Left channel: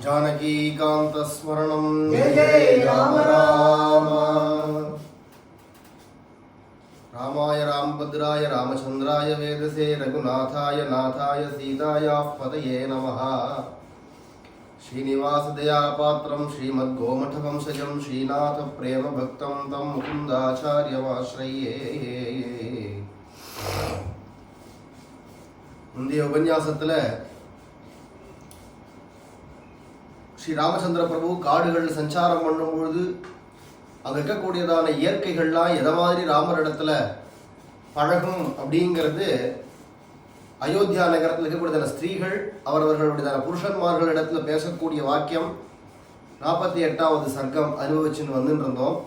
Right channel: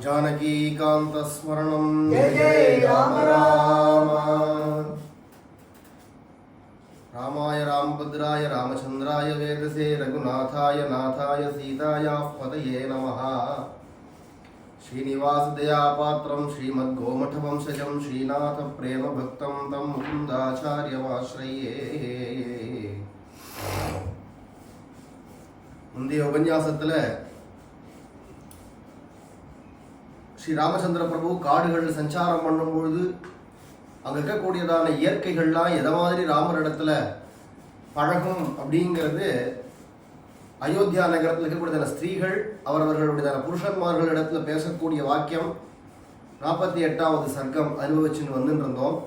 जानकीकान्तस्मरणं जय जय राम राम। रामाय रामभद्राय रामचन्द्राय वेदसे रघुनाथाय नाथाय सीतायाः पतये नमः। श्रीनिवासदयापात्रं श्रीमद्गोमठवंशजं श्रीनाथप्रेमभक्तं तं मुकुन्दाचार्यमाश्रये। முந்தைய உபன்யாசத்தில் ஸ்ரீ ராமச்சந்திர பிரபு காடுகளில் சஞ்சாரம் பண்ணும்பொழுது அங்கே இருக்கக்கூடியதான இயற்கைகள்லாம் எதை மாதிரி ராமரிடத்துல பழகும் அப்படிங்கிறது, அயோத்தியா நகரத்தில் இருக்கக்கூடியதான ஸ்திரீகள் அவரவர்களுடையதான புருஷன்மார்களிடத்துல பேசக்கூடிய வாக்கியம் 48வது சர்க்கம் அனுபவிச்சுன்னு வந்துட்டு இருந்தோம்.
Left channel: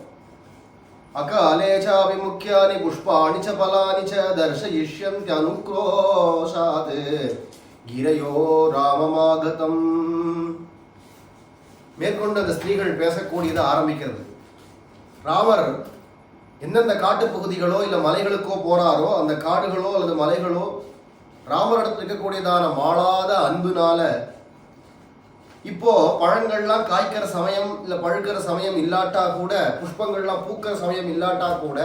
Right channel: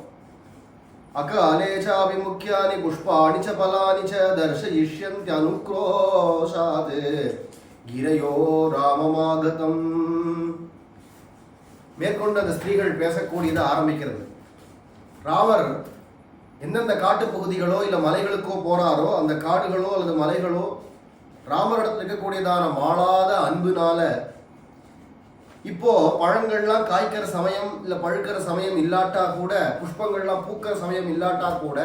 அகாலேச்சாபிமுக்கியானி புஷ்பாணி ச பலானி ச தர்ஷயிஷ்யந்தி அனுக்ரோஷாத் கிரையோ ராமமாகதம். மேற்கொண்டு அந்த ஸ்திரீகள் பேசக்கூடியதை ஆரம்பிக்கிறது. ராமர் எந்தெந்த காட்டு பகுதிகளோ இல்லை மலைகளுக்கோ போறாரோ அந்த காடுகளோ அல்லது மலைகளோ ராமரிடத்தில் இருக்கக்கூடியதான மாளாத அன்புனால இப்போ பழங்கள்லாம் காய்க்கிற சமயம் இல்லை பழுக்கிற சமயம் இல்லாட்டா கூட, புஷ்பங்கள்லாம் பூக்கிற சமயம் இல்லாட்டா கூட,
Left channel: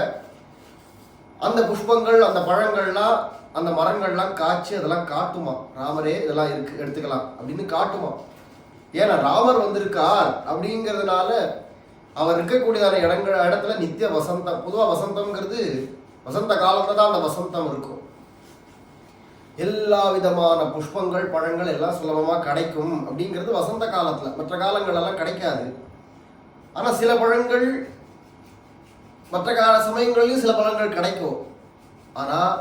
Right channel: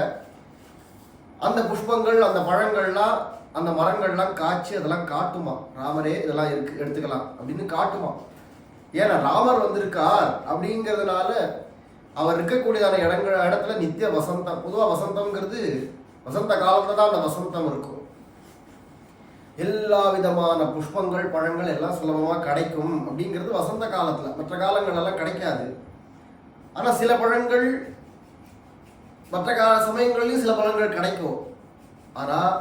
அந்த புஷ்பங்கள் அந்த பழங்கள்லாம் அந்த மரங்கள்லாம் காய்ச்சி அதெல்லாம் காட்டுமா, ராமரே இதெல்லாம் இருக்கு எடுத்துக்கலாம் அப்படின்னு காட்டுமா. ஏன்னா ராமர் வந்திருக்கார் அப்படிங்கிறதுனால அவர் இருக்கக்கூடியதான இடத்துல நித்திய வசந்தம். பொதுவாக வசந்தம்ங்கிறது வசந்த காலத்துல தான் அந்த வசந்தம் இருக்கும். எல்லா விதமான புஷ்பங்கள் பழங்கள் எல்லாம் சுலபமாக கிடைக்கும் அப்படிங்கிறது வசந்த காலத்தில். மற்ற காலங்கள் எல்லாம் கிடைக்காது. ஆனால் சில பழங்கள் மற்ற சமயங்கள்லையும் சில பழங்கள் கிடைக்கும். ஆனால்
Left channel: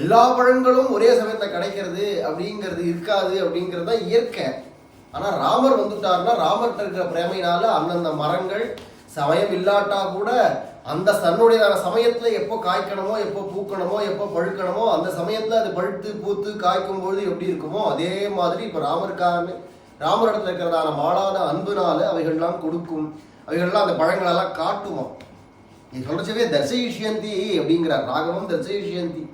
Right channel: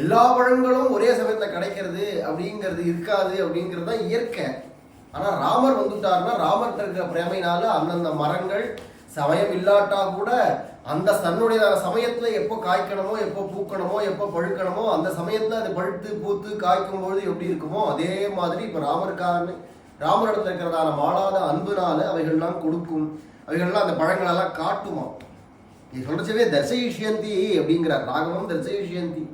எல்லா பழங்களும் ஒரே சமயத்தில் கிடைக்கிறது அப்படிங்கிறது இருக்காது அப்படிங்கிறது தான் இயற்கை. ஆனால் ராமர் வந்துட்டார்னா ராமர்கிட்ட இருக்கிற பிரேமையினால அந்தந்த மரங்கள் சமயம் இல்லாட்டா கூட அந்த தன்னுடையதான சமயத்தில் எப்போ காய்க்கணுமோ, எப்போ பூக்கணுமோ, எப்போ பழுக்கணுமோ அந்த சமயத்தில் அது பழுத்து பூத்து காய்க்கும் பொழுது எப்படி இருக்குமோ அதே மாதிரி இப்போ ராமரிடத்தில் இருக்கிறதான மாளாத அன்புனால அவைகள்லாம் கொடுக்கும். அவைகள்லாம் அந்த பழங்களெல்லாம் காட்டுமா. நீ சொல்றச்சவே தர்சயிஷ்யந்தி அப்படிங்கிறார். ராகவம் தர்சயிஷ்யந்தி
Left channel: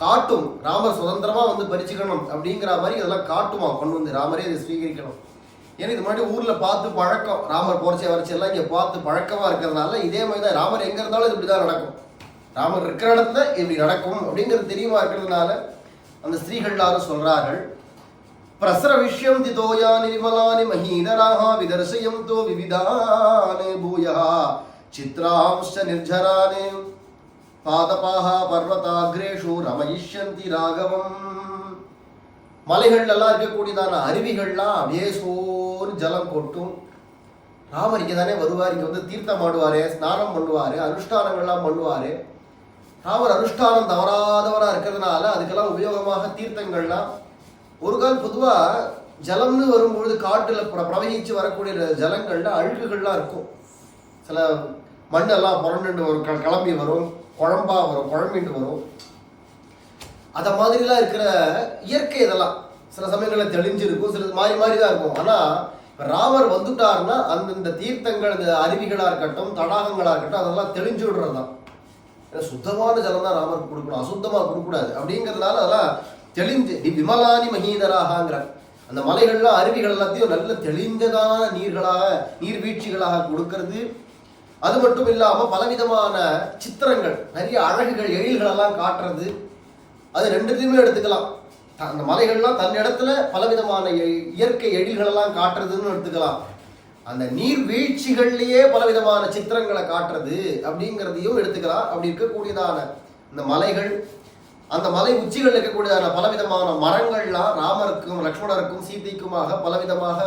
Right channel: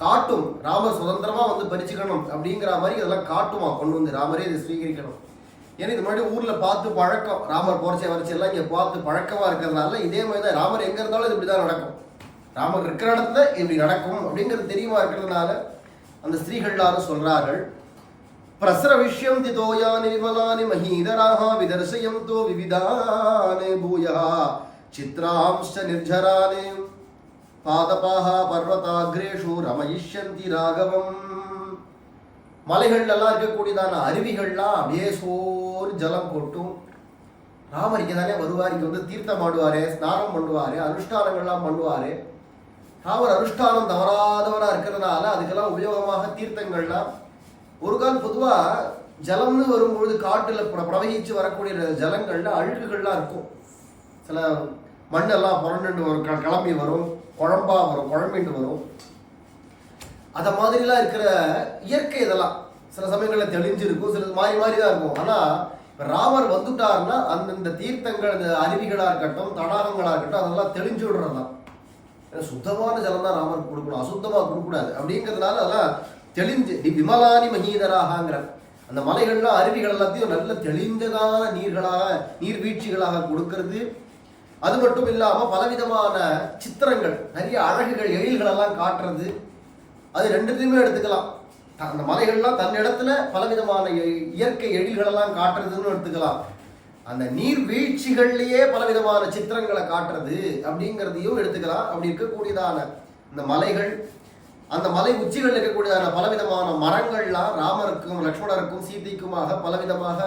காட்டும். ராமர் சுதந்திரமாக வந்து பறிச்சுக்கணும் அப்படிங்கிற மாதிரி அதெல்லாம் காட்டுமா. கொண்டு வந்து ராமரே இதை ஸ்வீகரிக்கணும். ஏன்னா இது மாதிரி ஊரில் பார்த்து பழக்கம், ராமர் போர்ச்சை வரைச்சி எல்லாம் இங்கே பார்த்து பழக்கமாக இருக்கிறதுனால இதே மாதிரி தான் ராமர் எங்கே இருந்தாலும் இது இப்படி தான் நடக்கும். ராமர் இருக்கிற இடத்துல இப்படி நடக்கும் அப்படிங்கிறது தெரியுமா இருக்கிறதுனால அந்த ஸ்திரீகள் எல்லாரும் சொல்றார்கள், பிரசர விஷயம் திதோயானி விமலானி மஹீதராக விதர்சயம் தோ விவிதானே பூயா சித்ராம்ஷ நிர்ஜரானே பாதபாக பர்வதாகிரேஷு ரமயிஷ்யந்தி ராகவம். மலைகள்லாம் இருக்கக்கூடியதான அருவிகள்லாம் அப்படியே சோறு ஜலம் கொட்டும். ராமர் இங்கே தானே வருவார், இங்கே வந்து தீர்த்தம் ஆடுவார், ஸ்நானம் பண்ணுவார், அனுஷ்டானங்கள்லாம் பண்ணுவார். ராமர் அனுஷ்டானம் தவறாதவராக இருக்கிறதுனால அதுக்கெல்லாம் உபயோகமாக தீர்த்தங்கள்லாம். ஒரு கால் பொதுவாக ஜலம்னு வரும்பொழுது காட்டில் பிரவகிச்சு வரக்கூடிய ஜலங்களில் அழுகுகள்லாம் இருக்கும். சில மண்ணெல்லாம் புரண்டு வரும், கிளம்பி வரும், குழம்பா வரும், குழம்பிட்டு வரும். அதை மாதிரிலாம் இருக்கிற இயற்கை இதெல்லாம் சில சமயங்களில் தெளிஞ்சிருக்கும், சில மாறி மாறி தான் இருக்கும். ஆனால் இப்போ ராமர் வந்துட்டாருன்னா அந்தந்த தீர்த்தங்கள், இந்த அருவிகளாக இருக்கட்டும், தடாகங்களாக இருக்கட்டும், அதெல்லாம் தெளிஞ்சு விடுறது தான். ஏன்னா சுத்தமான ஜலம் தான் ராமருக்கு கொடுக்கணும், அசுத்தமாக கொடுக்கக்கூடாது. அப்படிங்கிறதுனால அதெல்லாம் தெளிஞ்சு விமலானி மகீதராகங்கிற அந்த மலைகள்லாம் அருவிகள் எல்லாத்தையும் நல்ல தெளிந்ததான நீர்வீழ்ச்சிகளாக கொடுக்கறது. அது மட்டும் இல்லாமல் பலவிதமான சித்திரங்கள், நிறைய அழகுகள், எழில்களெல்லாம் காட்டுறது. அது ரெண்டுத்தையுமே எடுத்துக்கலாம். அந்த மலைகள்லாம் தன் இடத்துல பலவிதமான இயற்கை எழில்களெல்லாம் காட்டுறதுன்னு எடுத்துக்கலாம். அந்த நீர்வீழ்ச்சிகள்லேயே பலவிதமான சித்திரங்களை காட்டுறது அப்படிங்கிறதையும் எடுத்துக்கலாம். அப்படி இருக்கக்கூடியதான இந்த மலைகள், அந்த மலை உச்சிகள் இருக்கக்கூடியதான பலவிதமான மரங்கள்லாம் ராமருக்கும் லக்ஷ்மணருக்கும் சீதைக்குமாக பலவிதமாக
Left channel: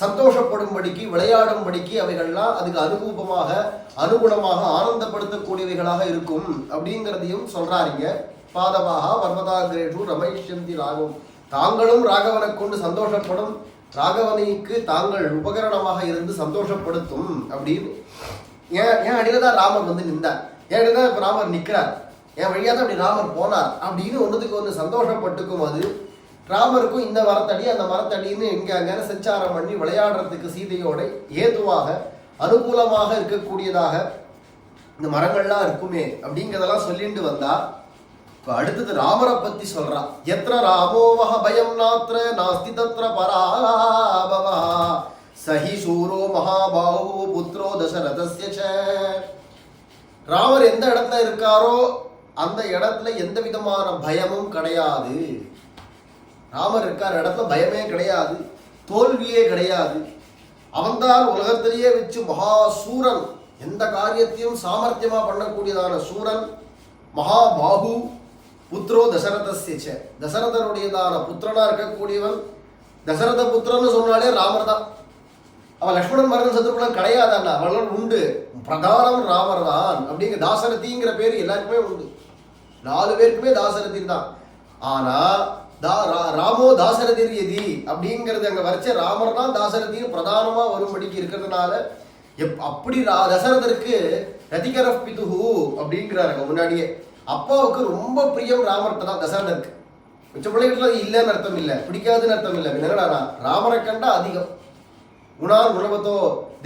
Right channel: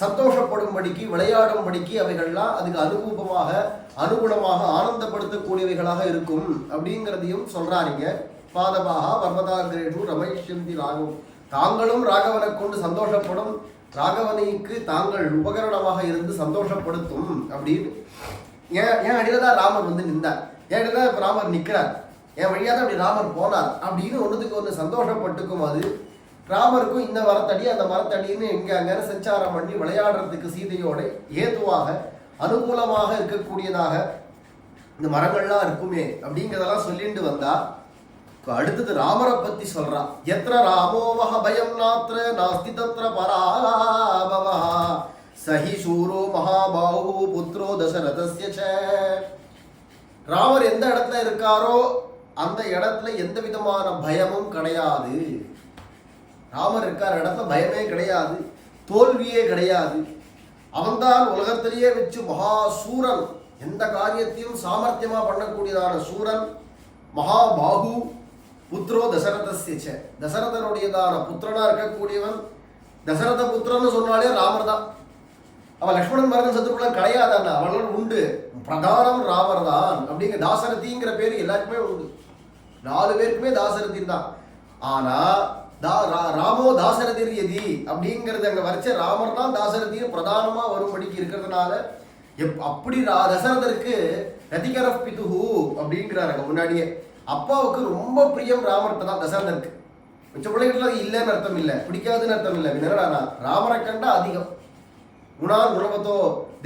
சந்தோஷப்படும்படிக்கு, விளையாடும்படிக்கு அவைகள்லாம் அதுக்கு அனுகுணமாக ஆனந்தப்படுத்தக்கூடியவைகளாக இருக்கும் அப்படிங்கிறதையும் சொல்றாருங்க. பாதபாக பர்வதாகிரேஷு ரமயிஷ்யந்தி ராகவம். தாங்களும் ராகவனை கொண்டு சந்தோஷப்படும், ராகவனுக்கு தாங்கள் உபகரணமாக இருந்து சந்தோஷப்படுத்தும் அப்படின்னு. ஏன் அடியில் தான் ராமர் வந்து நின்றார், ஏன் அடியில் தான் இப்போ ராமர் நிற்கிறார், என் வழியாக தான் அப்படி ராமர் போனார் அப்படின்னு ஒன்றுத்துக்கு ஒன்று சந்தோஷப்பட்டுக்கும். அது ராமருக்கும் இந்த மரத்தடி அந்த மரத்தடின்னு இங்கே அங்கே சஞ்சாரம் பண்ணி விளையாடுறதுக்கு சீதையோட ஏதுவாக அனுகூலமாக இருக்கக்கூடியதாக இந்த மரங்கள்லாம் இருக்குமே அப்படிங்கிறதெல்லாம் சொல்லிட்டு வந்தா. இப்போ அடுத்தது ராமரை பற்றி சொல்கிறான். எத்திர ராமோவஹ பயம் நாத்திர நாஸ்தி தத்ர பராபவா சஹி சூரோ மகாபாஹு புத்ரோ தசரதஸ்ய ச. ராமர் எந்த இடத்துல இருக்காரோ அந்த இடத்துல எந்த விதமான பயமும் கிடையாது. ராமர் இருக்கார இடத்துல பயமே கிடையாது, தோல்வியே கிடையாது. அவன்தான் உலகத்திலேயே வச்சு மகாசூரன், எந்த காரியத்தையும் சாமர்த்தியமா பண்ணக்கூடியதான சூரன். மகாபாகு புத்ரோ தசரதஸ்ய, தசரதனுடையதான புத்திரனா இருக்கக்கூடியவன். தசரத புத்திரன்னு சொன்னாலே ராமர் தான். அவன் லக்ஷ்மணன் மருதன் சத்ருகுணன் கிடையாதான், அவர்கள் உண்டு. பிரதானம் ராமர் தான். அப்படிங்கிற தாசரதிங்கிற பேரு எல்லாருக்குமே உண்டு. 4 பேருக்குமே தாசரதி தான். ஆனா ராமோ தாசரதிர் எதி அப்படிங்கிறது அங்க வரைச்ச ராமர் தான் தாசரதின்னு பிரதானமா வரும்படிக்கு இருக்கிறதுனால அப்படி தசரதருக்கு ரதிகர பிதுஹு அப்படிங்கிறாருங்க. முன்னாடியே அப்பாவுக்கு ரொம்ப பிரியம் ராமர்கிட்ட தான் தசரதருக்கு. மிச்ச பிள்ளைகள் இல்லைன்னு அர்த்தம் இல்லை, பிடிக்காதுன்னு அர்த்தம் இல்லை. என்னடா ராமரை கண்டா அதிகம். குணான் குணவத்தோ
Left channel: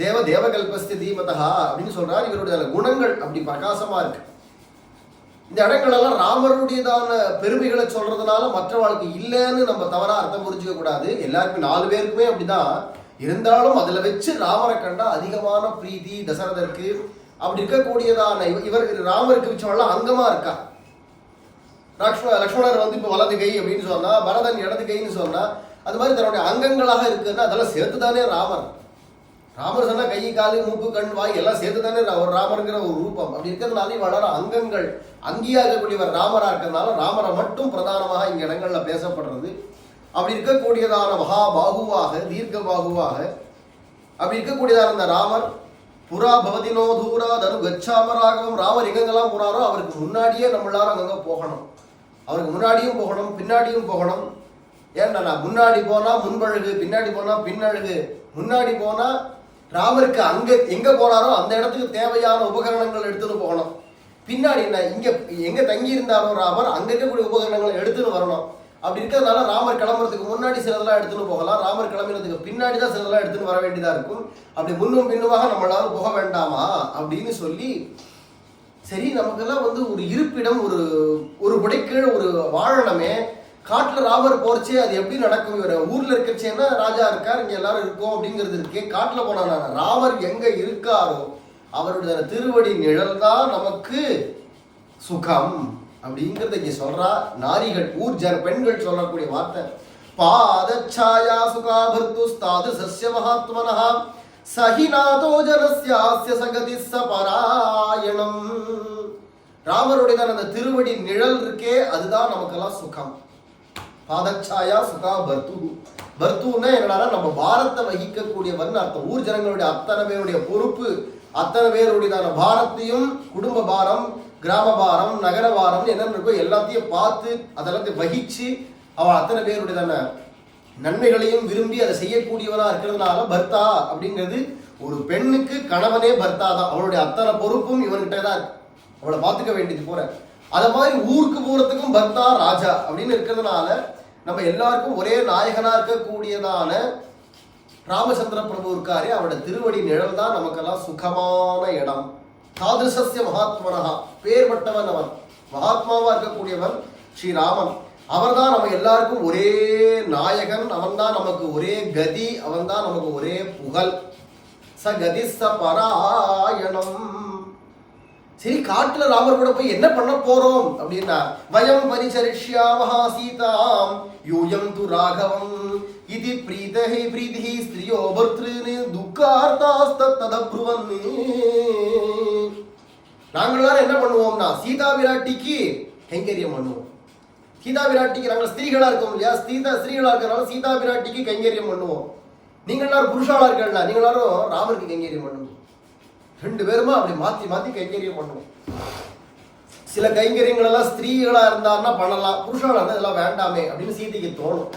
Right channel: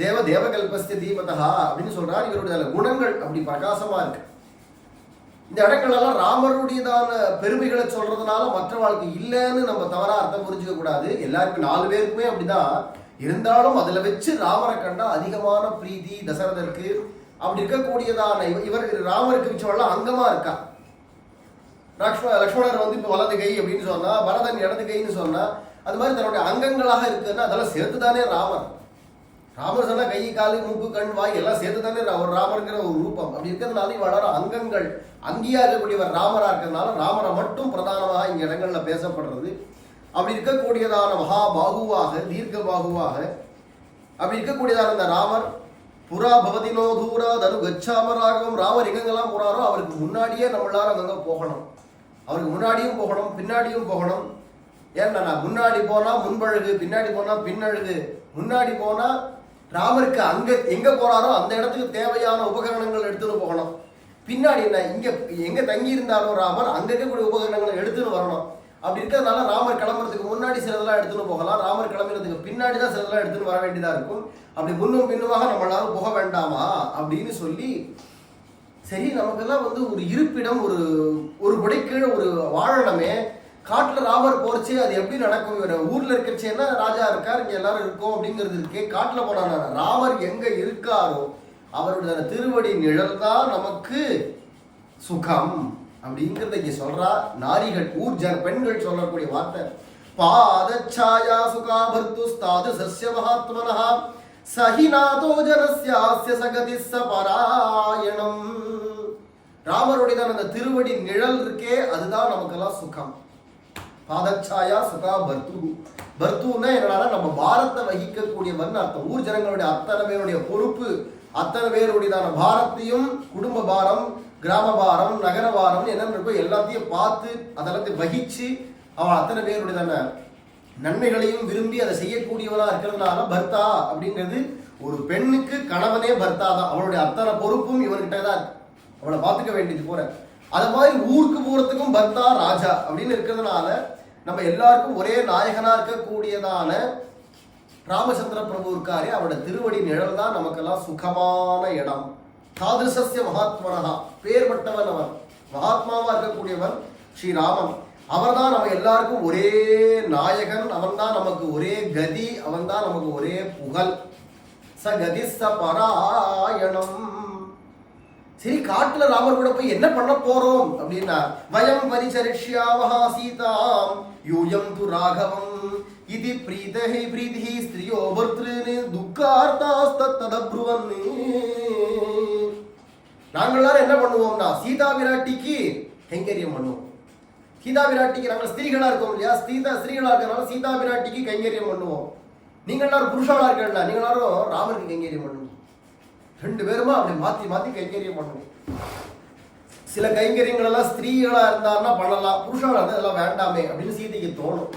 தேவ தேவகல்பஸ்தி தீபதா அப்படின்னு சொல்றாரு. இவருடைய குணங்கள் அப்படி பிரகாசமா இருக்கு. இந்த இடங்களெல்லாம் ராமருடையதான பெருமைகளை சொல்றதுனால மற்ற வாழ்க்கை இல்லைன்னு நம்ம தவறா அர்த்தம் புரிஞ்சுக்க கூடாது. எல்லாருக்கும் 4 பேருக்குமே அப்படிதான். இருந்தாலும் அதுல வச்சு ராமரை கண்டா அதிகமான பிரீதி தசரதருக்கு. அப்படி இருக்கக்கூடியதான இவர் ராமருக்கு வச்சவெல்லாம் அங்கமா இருக்கா. லக்ஷ்மணர் வந்து இப்ப வலது கை அப்படின்னு சொன்னா, பரதன் இடது கைன்னு சொன்னா, அது மாதிரி தன்னுடைய அங்கங்களாக இருக்குன்னா அதெல்லாம் சேர்த்துதானே ராமர். ராமர் சொன்னா கை காலு மூக்கு கண் வாய் எல்லாம் சேர்த்து தானே ஒரு ராமருங்கிற ஒரு ரூபம். அப்படி இருக்கிறதுனால வளர அங்கங்கள் அங்கீகக்கூடியவர் ராமரா இருக்கிறதுனால ராமரை மட்டும் பிரதானமாக இங்க இடங்கள்ல பேசப்படுறது. அப்படி இருக்கக்கூடியதான மகாபாகுவாக தீர்க்க பாகுவாக அப்படி இருக்கக்கூடியதான இந்த ராமர் புறா பவதினோ தூரா தனு கச்சாமராகவும் ராமர் எங்கெங்கெல்லாம் போறாரோ அவருக்கு முன்னாடியே நம்ம எல்லாரும் அங்கங்க போகணும். அவருக்கு முன்னாடியும் போகணும், பின்னாடியும் போகணும். ஏன்னா முன்னாடி போனா முன்பழகு, பின்னாடி போனா பின்னழகு. முன்னாடி போனா ராமருக்கு அங்க எங்க போறாரோ அந்த இடத்துக்கு தேவையான உபகரணங்கள் எடுத்துன்னு போகணும். பின்னாடி என்ன இங்க எங்க தங்கி இருந்தாரோ ராமர் அங்க இருக்கக்கூடிய உபகரணங்களை எடுத்துன்னு வரணும். அப்படி இருக்கிறதுனால ராமர் கிளம்புறதுக்கு முன்னாடி சிலதெல்லாம் எடுத்துன்னு போகலாம், ராமர் கிளம்புறதுக்கு பின்னாடி தான் சிலதெல்லாம் எடுத்துன்னு வர வேண்டியதா இருக்கும். அப்படி முன்னும் பின்னுமாக நம்ம எல்லாரும் போக வேண்டாமா அப்படின்னு சொல்லி, சரி நமக்கெல்லாம் வந்து ஒரு இருப்பிடம், ஒரு புடைக்கீழ ஒரு வாழணுமே. காட்டுல ராமர் போறச்சே அது எப்படி நடக்கும்? இவர் ஊர்ல இருக்கச்சேன்னா ராஜா இருக்கார், இங்க எல்லாரும் இருக்கோம் அப்படிங்கிறது இருக்கே. காட்டுல போனா ராமர் எங்க இருக்காரோ அவருடைய திருவடி நிழல் தான் நமக்கு சுகம் அப்படிங்கிறத இங்க சொல்றா. நாரிகள் ஊர் பெண்கள் சொல்லக்கூடிய வார்த்தை. பாதச்சாயா சுகாபர்த்து ஸ்தாது சஸ்ய மகாத்மனஹ சஹிநாதோ ஜனஸ்யாஸ்ய சகதி சபராயணம். ராமருடைய அந்த திருவடி நிழல் இருக்கே அதுதான் நமக்கெல்லாம் சுகம். பாதச்சாயா சுகா பர்த்து. பர்த்துன்னா என்னடா நம்ம பாரத்தை வகிக்கக்கூடியவன் அர்த்தம். ஊர் ஜனங்களுடைய அத்தனை பேருடைய பொறுப்பு, அத்தனை பேருடையதான பாரத்தையும், குடும்ப பாரம், கிராம பாரம், நகர பாரம் என்னென்ன இருக்கோ எல்லாத்தையும் பார்த்து அதெல்லாத்தையும் வகிச்சு அவள் அத்தனை பேருடையதான நன்மைகளையும் விரும்பி அதை செய்யக்கூடியவனா இருக்கிறதுனால பர்த்தா அப்படிங்கிறது ஒரு பெண்ணுக்கு கணவனே பர்த்தா தான். அவளுடைய அத்தனை பொறுப்பும் இவன்கிட்ட தான் இருக்கு, அவளை பார்த்துக்க வேண்டியது போற. அத மாதிரி ஊருக்கு போறதுக்கும் பர்த்தா ராஜா அப்படின்னு இருக்கிறதுனால நம்ம எல்லாருக்கும் ஒரே நாயகனா இருக்கக்கூடியதான ராமச்சந்திர பிரபு இருக்காரே அவருடைய திருவடி நிழல் தான் நமக்கெல்லாம் சுகமான இடம். தாதிருசஸ்ய மகாத்மனஹா, பேர்பட்டவன் அவன், மகாத்மாவா இருக்கக்கூடியவன் ஸ்ரீராமன். அவர் தான் நம்ம எல்லாருக்கும் ஒரே நாயகன், அவன் தான் நமக்கு ஒரே கதி, அவன் தான் நமக்கு ஒரே புகழ். ச கதி ச பராயணம். சரி, காட்டுல ராமர் கூட போய் என்ன பண்ண போறோம் அப்படின்னா, வயம் பரிசரிஷ்யாமஹா சீதாம் யூயம் து ராகவம் இது பிரீதஹி பிரீதிஹி ஸ்திரியோ பர்த்ருனு துக்கார்த்தாஸ்ததப்ருவன். நாங்கள் எல்லாரும் என்ன பண்ணுவோம்னா சீதா விராட்டிக்கு கைங்கரியம் பண்ணுவோம். சீதா விராட்டிக்கு நாங்கள் ஸ்திரீகளா இருக்கோம் இல்லையா, ஸ்திரீகளா இருக்கிறனால சீதா விராட்டிக்கு கைங்கரியம் பண்ணுவோம். நீங்கள் எல்லாரும் புருஷாளா இருக்கா, நீங்கள் எல்லாரும் ராமருக்கு கைங்கரியம் பண்ணுவோம். 2 பேருமா அப்படி மாத்தி மாத்தி கைங்கரியம் பண்ணுவோம். சில கைங்கரியங்கள் எல்லாம் ஸ்திரீகளா இருந்தாருன்னா பண்ணலாம், புருஷாளா இருந்தா இதெல்லாம் வேண்டாமே அப்படின்னு சீதைக்கு தோணும்.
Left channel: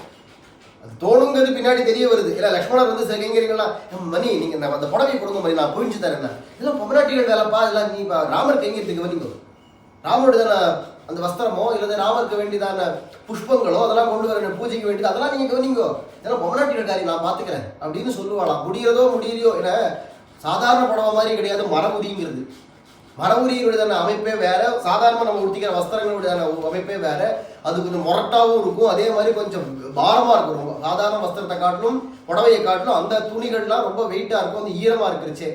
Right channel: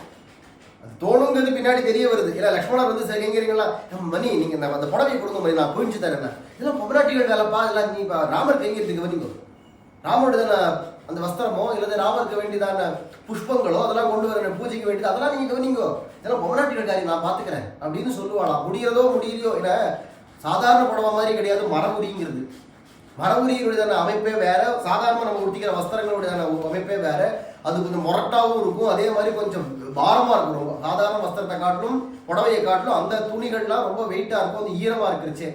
அது தோணுங்கிறது பின்னாடி தெரிய வருது. இல்ல லக்ஷ்மணர் வந்து சில கைங்கரியங்கள்லாம், மணி நீங்க அந்த புடவை கொடுங்க மணி, நான் புரிஞ்சு தரேன், இதெல்லாம் பொம்மநாட்டிகள் வேலைப்பா, இதெல்லாம் நீ ராமர் கைங்கரியத்துக்கு வந்தீங்க, ராமருடைய அந்த வஸ்திரமோ இல்லது ராமருக்கு வேண்டியதான புஷ்பங்களோ அதெல்லாம் கொண்டு வர பூஜைக்கு வேண்டியது அதெல்லாம் நீங்க கவனிங்கோ, இதெல்லாம் பொம்மநாட்டிகள் காரியம் நான் பாத்துக்கிறேன் அப்படின்னு சொல்லுவாளாம். முடியறதோ முடியலையோ, இல்ல சாதாரண புடவை மாதிரி கிடையாது, மரமுடிங்கிறது. மரபுரியுடையதான அமைப்பே வேற, சாதாரணமாக நம்ம உடுத்திக்கிற வஸ்திரங்களுடையதான அமைப்பே வேற. அது கொஞ்சம் மொரட்டாகவும் இருக்கும், அதே மாதிரி கொஞ்சம் பாரமாக இருக்கும். ரொம்ப சாதாரண வஸ்திரத்தை காட்டிலும் புடவையை காட்டிலும் அந்த துணிகள்லாம் ரொம்ப வெயிட்டாக இருக்கும், அந்த ஈரமாக இருக்கிறச்சே.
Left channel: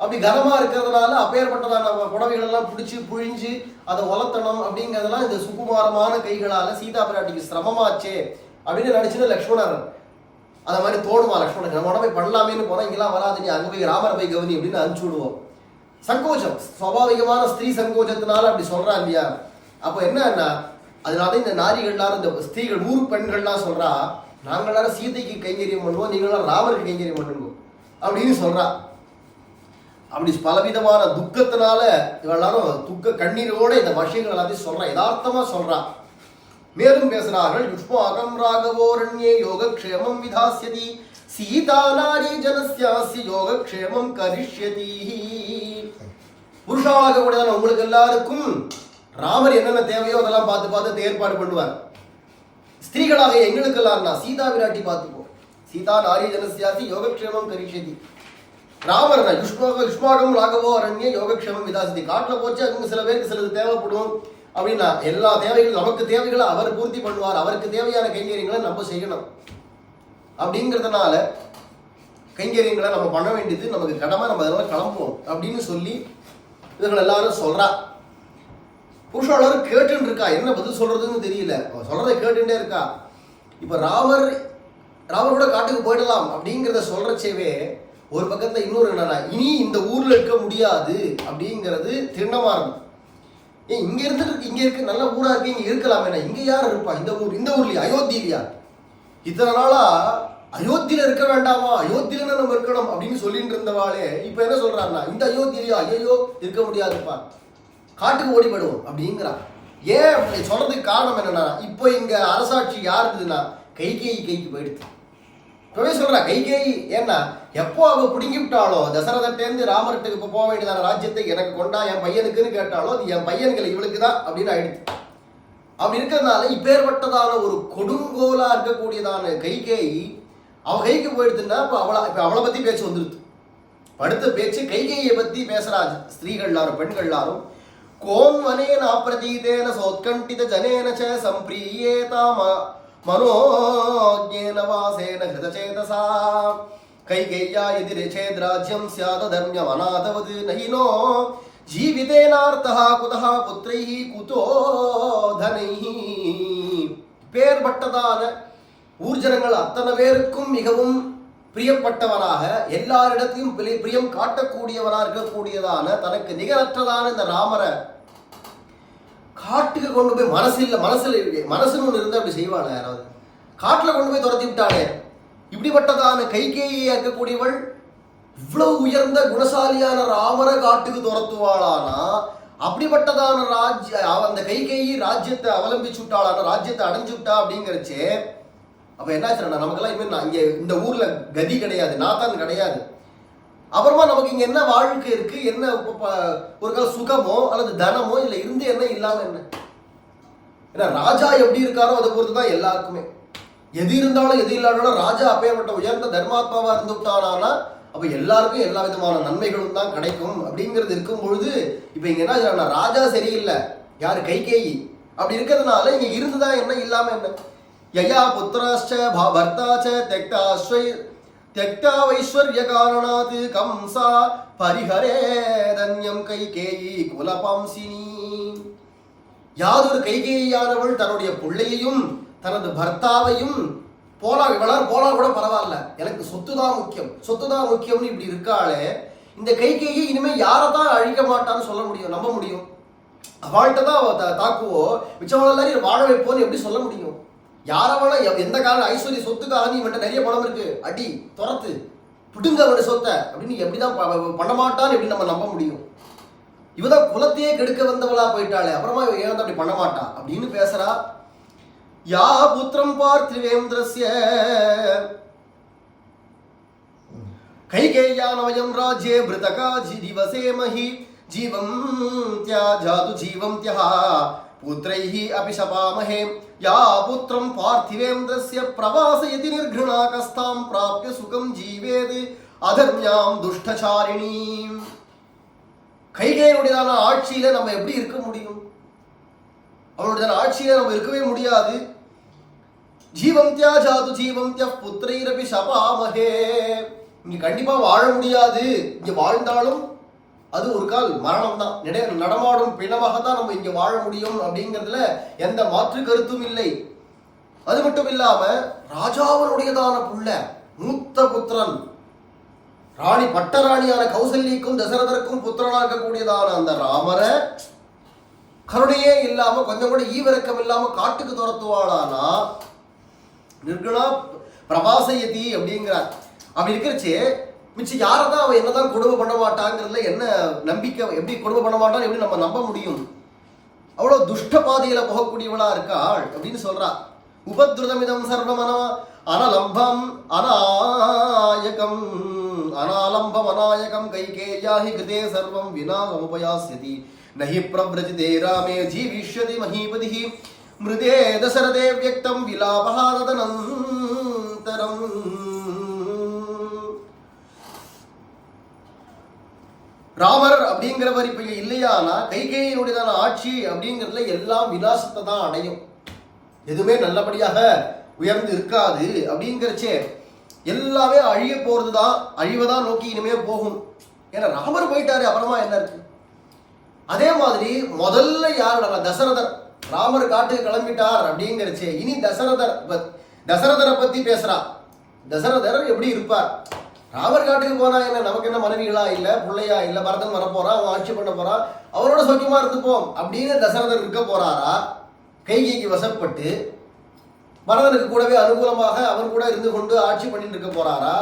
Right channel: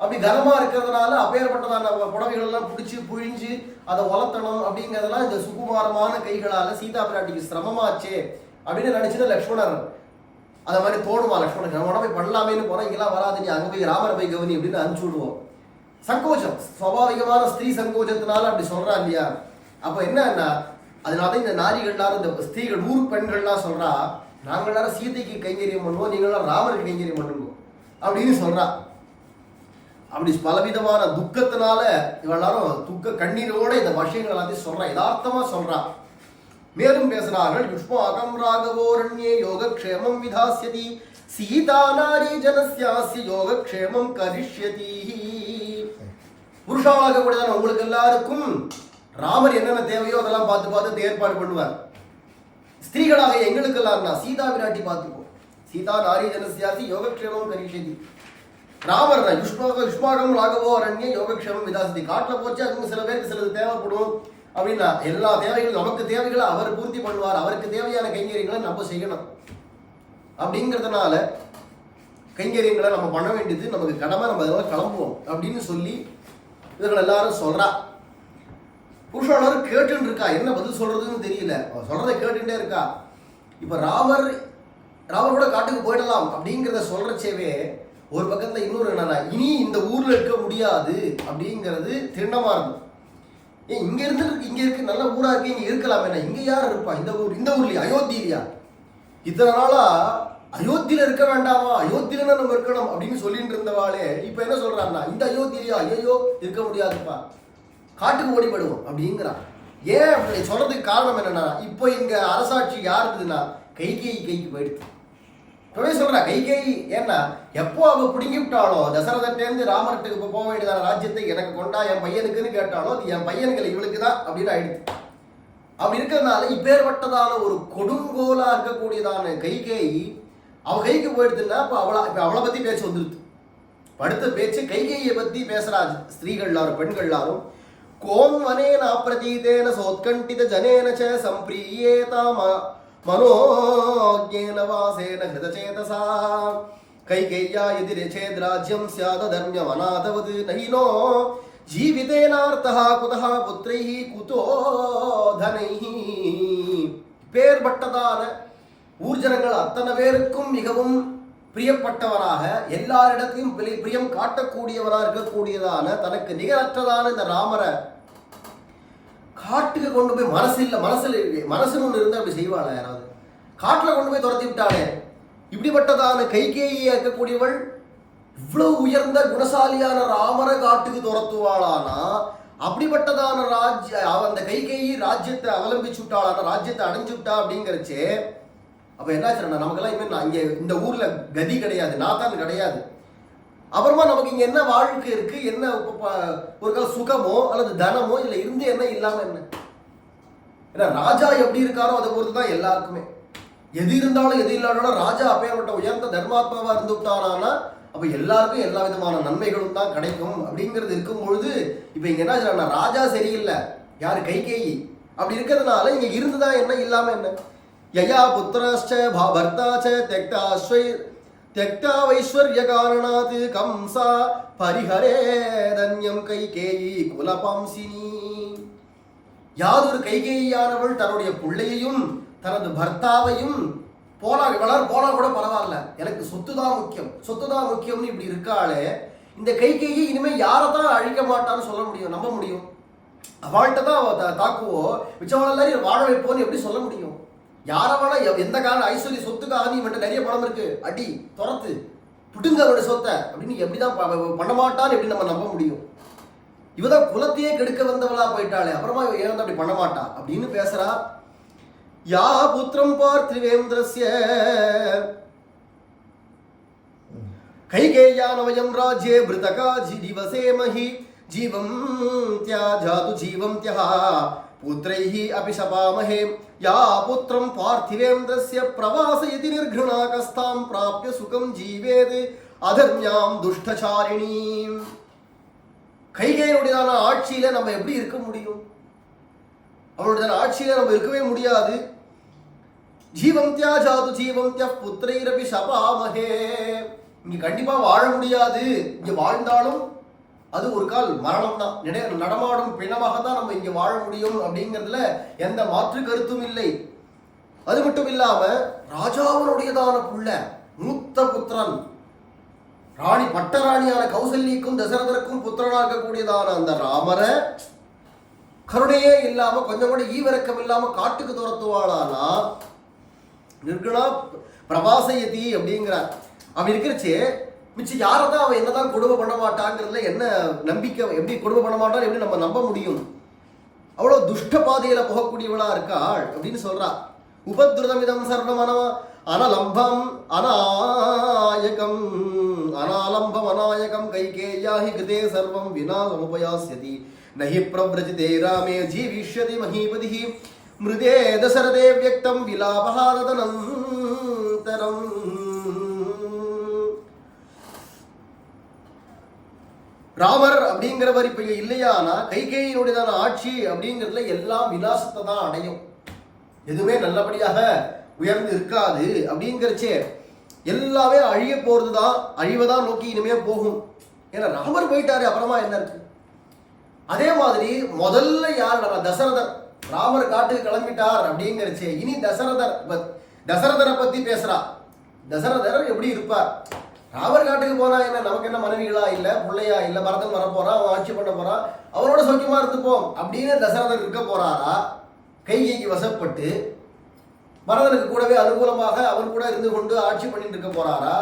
அப்படி கனமாக இருக்கிறதுனால அப்பேற்பட்டதான புடவைகள் எல்லாம் பிடிச்சி புழிஞ்சு அதை வளர்த்தணும் அப்படிங்கிறதெல்லாம் இந்த சுகுமாரமான கைகளால் சீதா பிராட்டிக்கு சிரமமாச்சே அப்படின்னு நினச்சிட்டு லக்ஷ்மணர் அந்த மாதிரி தோணுமா லக்ஷ்மணனுக்கு, நம்ம உடம்பை பண்ணலாமேன்னு போனால் இங்கெல்லாம் வராது, நீ அங்கே போய் ராமரை போய் கவனி அப்படின்னு அனுப்பிச்சு விடுவோம். சங்கோச்சம், சுவாபாவிகமான ஸ்திரீ சங்கோச்சத்தினால அப்படி சொல்றா இல்லையா. அப்போ என்னன்னா அதனால இந்த நாரிகள்லாம் இந்த ஸ்திரீகள் ஊர் பெண்கள்லாம் சொல்றா, நாங்கள் எல்லாரும் சீதைக்கு கைங்கரியம் பண்ணுவோம், நீங்களாம் ராமருக்கு கைங்கரியம் பண்ணுங்க அப்படின்னு சொல்றா. அப்படி பலவிதமான துக்கத்தினால இவெல்லாரும் துக்க கண்ணீரோட இந்த விஷயங்கள் எல்லாத்தையும் சொல்றா, யதார்த்தமா சொல்றா. மேலும் பேசுறார்கள், யுஷ்மாகம் ராகவோரண்யே யோகக்ஷேமம் விதாஸ்யதி சீதா நாரி ஜனஸ்யாஸ்ய யோகக்ஷேமம் கரிஷ்யதி. புருஷாளாக கூடியதான உங்களுக்கு எல்லாருக்கும் ராமர் என்னென்ன தேவையோ அதெல்லாம் பார்த்து பார்த்து ஏற்பாடு பண்ணுவார். ஸ்திரீகளாக எங்களுக்கு எல்லாம்னா சீதா விராட்டி பார்த்துப்போம். சீதா நாரி ஜனஸ்யாஸ்ய யோகக்ஷேமம் கரிஷ்யதி. ராமர் யுஷ்மாகம் ராகவோ அரண்யே யோகக்ஷேமம் விதாசதி. காட்டில் போச்சு அங்கே சில பேருக்கு சிலது தேவைப்படும் அப்படின்னா எல்லா தேவைகளும் நமக்கு தேவைகளை அவர் பூர்த்தி பண்ணுவார். அவருக்கு தேவையான கைங்கரியங்களை நம்ம செய்யணும். அப்படிங்கிறதுனால கைங்கரியங்களை நம்ம பண்ண வேண்டியது நமக்கு கடமை, நம்ம அதனால கிளம்புவோம் அப்படின்னு சொல்லி இவர்கள் எல்லாரும் சொல்றா. புருஷாளரும் கேட்டுன்னு இருக்கா, என்ன பதில் சொல்றதுன்னு தெரியல, சொல்றதை கேட்டுட்டே இருக்கா. இப்ப ராமர் கூட காட்டுக்கு போயிடலாம் அப்படிங்கிறத சொல்றச்சேவே ஒரு பக்கத்துல இன்னொரு என்னன்னா, இனி இந்த ஊர்ல இருக்க முடியாது அப்படிங்கிறது திண்ணமா இருக்கும். இங்க இருந்துட்டு இங்க இருக்கு நல்ல ஊரா இருக்கு, இங்க இருக்கலாம், என்ன இங்க யார் இருப்பா, இந்த ஊர்லயா, அயோத்தியிலையா, இத்தனை நாளா அயோத்தியில இருக்க வேண்டாமா, அயோத்தியில நம்ம இருக்கணும் அப்படின்னு சொல்லிட்டு இருந்தவாளே இப்ப என்ன சொல்றாருன்னா, இந்த அயோத்தியிலையா, ஐயோ இருக்க முடியாதுப்பா, காட்டுக்கு ஓடிப்படுவோம் அப்படிங்கிறான். ஏன் அப்படி சொல்றதுக்கு காரணம் என்னன்னா, இப்போ இங்க அரசாட்சி யார் இருக்குதுன்னா கைகேயி கைக்கு போயிடுது. இப்பவே சொல்றா கைகேயி, ஏன்னா எப்போ அவ பிடுங்கி விட்டாலோ தசரதட்டேருந்து ராமர்கிட்ட இப்போ போக வேண்டியதான ராஜ்யத்தை எனக்கு கொண்டா என் பையனுக்குன்னு கேட்டாலோ அது என் பையனுக்கு இவளுக்கு தான் அப்படின்னு ஆயிடுச்சு. அப்படி இருக்கிறதுனால இப்பேற்பட்டதான ஒரு கொடுங்கோலா இருக்கக்கூடியதான கைகேயி அவ கைக்கு போயிடுதுன்னா இப்போ அவளை பத்தி பேச்சு வந்துருது. அடுத்த பேச்சு கைகேயை பத்தி பேசுறாங்க ஸ்திரீகள் எல்லாரும் பெண்கள் எல்லாரும். கோன்வனேன பிரதீதேன சோத்கண்டித ஜனேன ச சம்பிரியேதா மனோஜ்ஞேன வாசேன ஹிருதசேதசா கைகேய்யா எதிரேச்சேத் ராஜ்யம் ஸ்யாத் தர்மியம் அநாதவது நஹினோ ஜீவிதேனார்த்தः குதः புத்ரைः குதோ தனைः. பேர்பட்டதான ஊர்ஜனங்கள் அத்தனை பேருக்கும் மிகவும் பிரியப்பட்டவராக எல்லாரிடத்தையும் பிரியம் காட்டக்கூடியவராக இருக்கக்கூடியதான தனக்கு நிகரற்றதான இந்த ராமரை காட்டுக்கு கொண்டு போய் மனசுன்னு ஒன்று இருந்து அப்படி செய்வாள யாராவது, காட்டில் கொண்டு போய் துரத்தி விட்டாளே. இப்படிப்பட்டதான கைகேயியா இருக்கக்கூடியவள் இவ்வளவு உயர்ந்த குணசாலியான ராமரை காட்டுக்கு துரத்துவாளானா, அப்படிப்பட்டதான அந்த கைகேயி ராஜ்யத்தை அவலம்பிச்சு விட்டாளான, ராஜ்யத்தை அடைஞ்சு விட்டா அப்படிங்கிறச்சே. அப்ப என்னாச்சுன்னா நமக்கெல்லாம் இனிமேல் இங்க இந்த ஊர்ல கதி கிடையாது, நாத்தான் கிடையாது. அப்புறமா நமக்கு இங்க என்ன வாழ்க்கை இருக்கு, என்ன ஒரு கால சுகமோ அல்லது தனமோ இதுல இருந்து என்ன இல்லாம என்ன. ஏன்னா ராஜா எப்படி இருக்காரோ அதை பொறுத்து தான் எல்லாருக்குமே. எது இருந்தாலும் எது இல்லாட்டாலும் ராஜா அப்பேற்பட்ட உயர்ந்த தர்மாத்மாவா இருந்து விட்டானா அப்ப எல்லாருக்கும் எல்லா விதமான நன்மைகளும் தான் கிடைக்கும். அப்படிங்கிறது இருக்கும் பொழுது இப்ப இங்க என்ன ராஜா சரியில்லை, யாரு கைகேயி. அப்படி இருக்கிறதுனால இங்க இருந்துதான் என்ன இல்லாம என்ன. யயா புத்திராச்ச பர்த்தாச்ச त्यक्ता वैश्वर्य कारणात् कंसा परिहरे दन्यम கைகேயி குலபாம்சினி. யாதொரு கைகேயியானவள் தன்னுடைய பிள்ளையையும் தனது பர்த்தாவையும் போனா கூட பரவாயில்ல, எனக்கு சொத்துதான் முக்கியம்னு இப்படி இருக்காளே. இந்த கைகேயி இனிமே யாரைதான் அழிக்க மாட்டான்னு சொல்ல முடியும், நம்ப முடியும்? அவள்கிட்ட தான் தாக்குவோம், மிச்சவள எல்லாரையும் வாழ வைப்போன்னு எப்படி சொல்ல முடியும்? யாரவனா எந்த காரணம் ஐஸ்வர்ய சொத்துக்காக நீ இவன்ட்ட நிறைய பணம் இருக்கு, அடி துரத்து புடுங்க அவனுடைய சொத்தை அப்படின்னு எப்படிதான் பண்ண மாட்டான்னு எப்படி நம்ம நம்ப முடியும்? இவதான் குலத்தையே கெடுக்க வந்தவளா போயிட்டாளே, அப்புறமா ஏன் வந்து அப்படி பண்ண மாட்டா அப்படின்னு பேசுறா. யா புத்திரம் பார்த்திவேந்திரஸ்ய கைகேயானவயம் ராஜ்யே பிருதகா ஜீவசேமஹி ஜீவம் தியாஜாது ஜீவம் தியா புத்ரைஹி அபிஷபாமஹே. யா புத்திரம் பார்த்திவேந்திரஸ்ய பிரவாசயதி நிர்ഘൃணா கஸ்தாம் பிராப்ய சுகம் ஜீவேத் அதர்ம்யாம் துஷ்டசாரிணீம். கைகேயினுடையதான ஆட்சியில நம்ம எப்படி இருக்க முடியும்? அவளுடைய ஆட்சியில நம்ம இருக்கவே முடியாது. ஜீவந்தியா ஜாது ஜீவந்திய புத்திரைரபி சபாமகே. இங்க கண்டிப்பா வாழ முடியாது. இங்க வாழ்ந்தாலும் அது ஒரு கால் மரணம் தான். நடமாடும் பிணமாக தான் நம்ம இங்க வாழ முடியும் அப்படிங்கிறதுல எந்த மாற்று கருத்தும் இல்லை. அது மட்டும் இல்லாம ராஜாவனுடையதான புள்ள மூத்த புத்திரன், ராணி பட்டராணியான கௌசல்யக்கும் தசரதருக்கும் புத்திரனாக கூடியதான அந்த ராமரை கருணையே இல்லாம கொஞ்சம் கூட ஈவிரக்கம் இல்லாம காட்டுக்கு துரத்துவாளானா நிர்குணா பிரபாசயதி அப்படிங்கிறார். அவன் இருக்கிறச்சு மிச்சம் யாரை தான் அவன் என்னதான் கொடுமை பண்ண மாட்டாங்கிறதுல என்ன நம்பிக்கை? எப்படி கொடுமை பண்ண மாட்டான்னு எப்படி நம்ம நம்ப முடியும்? அவ்வளவு துஷ்ட பாதையில போகக்கூடியவளா இருக்காள் அப்படின்னு சொல்றா. உபத்ருதமிதம் சர்வம் அனலம்பம் அநாயகம் அனாலம்பம் அநாயகம் கைகேயாஹி கிருதே சர்வம் வினா சமுபயாஸ்யதி நஹி பிரவ்ரஜிதே ராமே ஜீவிஷ்யதி மஹீபதிஹி மிருதே தசரதே வியக்தம் விலாபஹாதனந்தரம். ராமர் அப்படிங்கிறவர் இப்ப இல்லையானா கைகேயினுடையதான ஆட்சி அப்படிங்கிறதுல எல்லாம் விலாசத்தை தான் அடையும். எதுவுமே நல்லபடியாக உயர்ந்து இருக்காது. அப்படிங்கிறச்சே எல்லாமே அழிய போறதுதான், அழிவதான் நோக்கி இனிமே போகும். ஏன்னா ராமர் போயிட்டாரு, அப்புறமா என்ன இருக்கு? அதே மாதிரி முதல்ல யார்? தசரதர். ராமர் காட்டுக்கு கிளம்பிட்டார் அப்படிங்கிறச்சே இனி தசரதரை பத்தி பேசுறா. தசரதர் எப்படி இருப்பார்? ராமர் காட்டுக்கு போனா என்ன, நமக்கு என்ன மனைவிகளா இல்ல, பிள்ளையா இல்ல, பரதன் வரப்போறான், அவன் ஆட்சி பண்ண போறான், அவனோட சௌக்கியமா இருந்துப்போம் அப்படின்னு தசரதர் இருக்க போறாரா? கைகைக்கு வசப்பட்டு பரதனுக்கு கூடவே அனுகூலமாக அவன் கூட இருந்து கொண்டு ஆட்சி பண்ணிட்டு இருக்க போறாரா?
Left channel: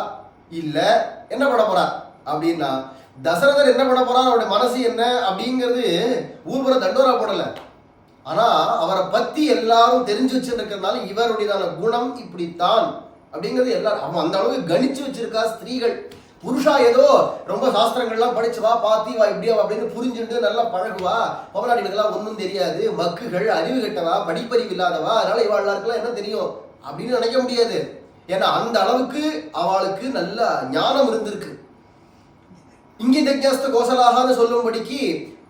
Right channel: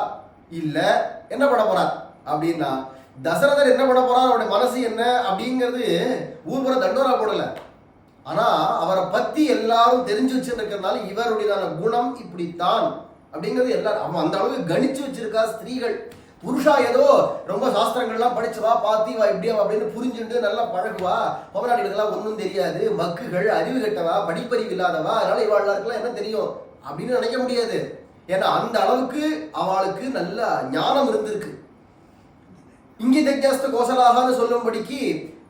இல்ல என்ன பண்ண போறார் அப்படின்னா, தசரதர் என்ன பண்ண போறார், அவருடைய மனசு என்ன அப்படிங்கிறது ஊர்வர தண்டோரா போடல. ஆனா அவரை பத்தி எல்லாரும் தெரிஞ்சு வச்சிருக்கிறதுனால இவருடையதான குணம் இப்படித்தான் அப்படிங்கிறது எல்லாரும் அவன் அந்த அளவுக்கு கணிச்சு வச்சிருக்கா. ஸ்திரீகள் புருஷா ஏதோ ரொம்ப சாஸ்திரங்கள்லாம் படிச்சுவா, பாத்தி வா இப்படியா அப்படின்னு புரிஞ்சுட்டு நல்லா பழகுவா. பொம்மநாட்டிகளுக்கெல்லாம் ஒன்றும் தெரியாது, மக்குகள், அறிவு கட்டவா, படிப்பறிவு இல்லாதவா, அதனால இவாளுக்கெல்லாம் என்ன தெரியும் அப்படின்னு நினைக்க முடியாது. ஏன்னா அந்த அளவுக்கு அவளுக்கு நல்ல ஞானம் இருந்திருக்கு. இங்கிதஜ்ஞஸ்த கோசலாகான்னு சொல்லும்படிக்கு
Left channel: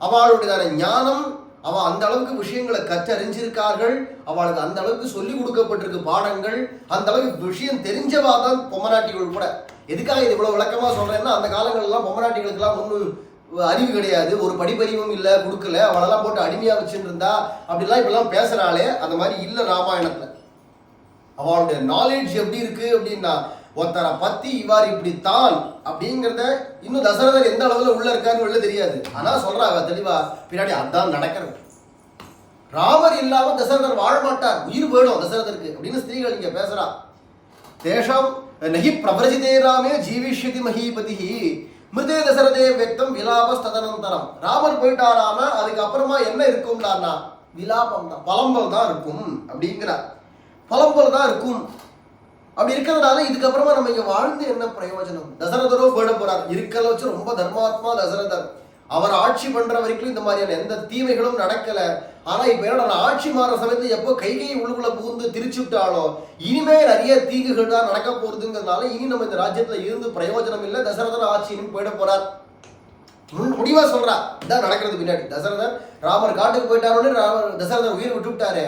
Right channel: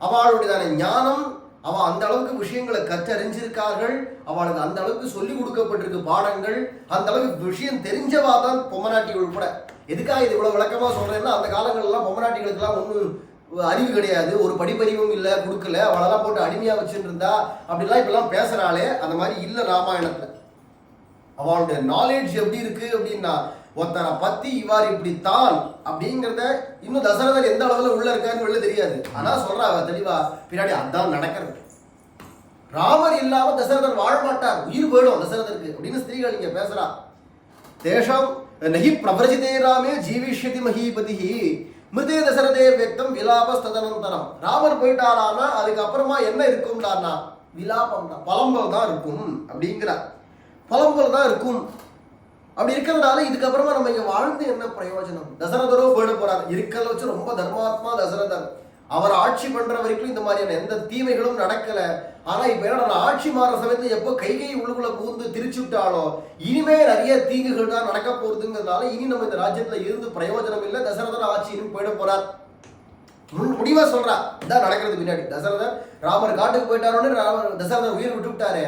அவளுடையதான ஞானம், அவள் அந்த அளவுக்கு விஷயங்களை கற்றறிஞ்சிருக்கார்கள். அவளுக்கு அந்த அளவுக்கு சொல்லி கொடுக்கப்பட்டிருக்கு பாடங்கள். அந்த அளவுக்கு விஷயம் தெரிஞ்சவா தான் பொம்மநாட்டிகள் கூட. எதுக்காக இது இவ்வளவு விளக்கமா சொல்றேன்னா, அந்த காலங்கள்லாம் பொம்மநாட்டிகளுக்கெல்லாம் ஒன்றும் அறிவு கிடையாது, ஒரு படிப்பறிவும் இல்லை, கொடுக்கல, அவளெல்லாம் போட்டு அடிமையா வச்சுட்டு இருந்தா அப்படிலாம் இப்பெல்லாம் பேசுறாளே, அந்த மாதிரி இல்லை ராமாயணத்துல. அவளுடைய நாலேஜ் எப்படி இருக்கு அப்படின்னா, ஒருத்தரை பத்தி இவ்வாறு இப்படித்தான் அப்படிங்கிறத இன்னும் தசரதர் எந்த அளவுல உள்ள இருக்காருன்னு உள்ள தெரியாது. ஆனா சொல்றா அவ தெளிவா, பின்னாடி அதான் நடக்கிறது. ராமர் இல்லாம தசரதர் வாழ மாட்டார், உயிர் போயிடும் தசரதருக்கு அப்படின்னு ஸ்திரீகள் இங்க பேசுறா. தேஷம் நகி பிரபரஜிதே ராமே ஜீவிஷ்யதி மஹீபதிஹி மிருதே தசரதே வியக்தம் விலாபஸ் ததனந்தரம். ராமர் போயிட்டாரானா அதுக்கப்புறமா என்ன இருக்கும்டான்னா விலாபம் தான், பலம்பல் தான் இருக்கும் அப்படிங்கிறார். பலம்பல் தான் இருக்கும். அப்படி இருக்கிறதுனால இதுக்கப்புறமா நம்ம இங்க வாழ்ந்து என்ன பிரயோஜனம்? தசரதரோ போயிட போறார். இருக்கல வச்சு ரொம்ப தர்மாத்மா தசரதர். அவர் ஆட்சி பண்ற வரைக்கும் இந்த மாதிரியான எந்த தீமைகளும் நடக்கல. ஆனா இப்ப என்ன ஆட்சி மாற சமயத்துல எப்போ கைகை உள்ளுக்குள்ள புகுந்து திரிச்சு விட்டாலோ இனிமே நிறைய தீங்குகள் தான் நடக்க போறதுங்கிறதுனால இனி நம்ம இந்த ராஜ்யத்துல இருந்து பிரயோஜனம் இல்லை. தசரதர் ஆட்சியிலும் போயிட போறார். முடிவா சொல்றா இதான் நடக்கிறது பின்னாடி. தசரதர் ராமர் காட்டுக்கு போயிட்டாரோன்னு தசரதர் உயிர் விட்டு விட்டாரு.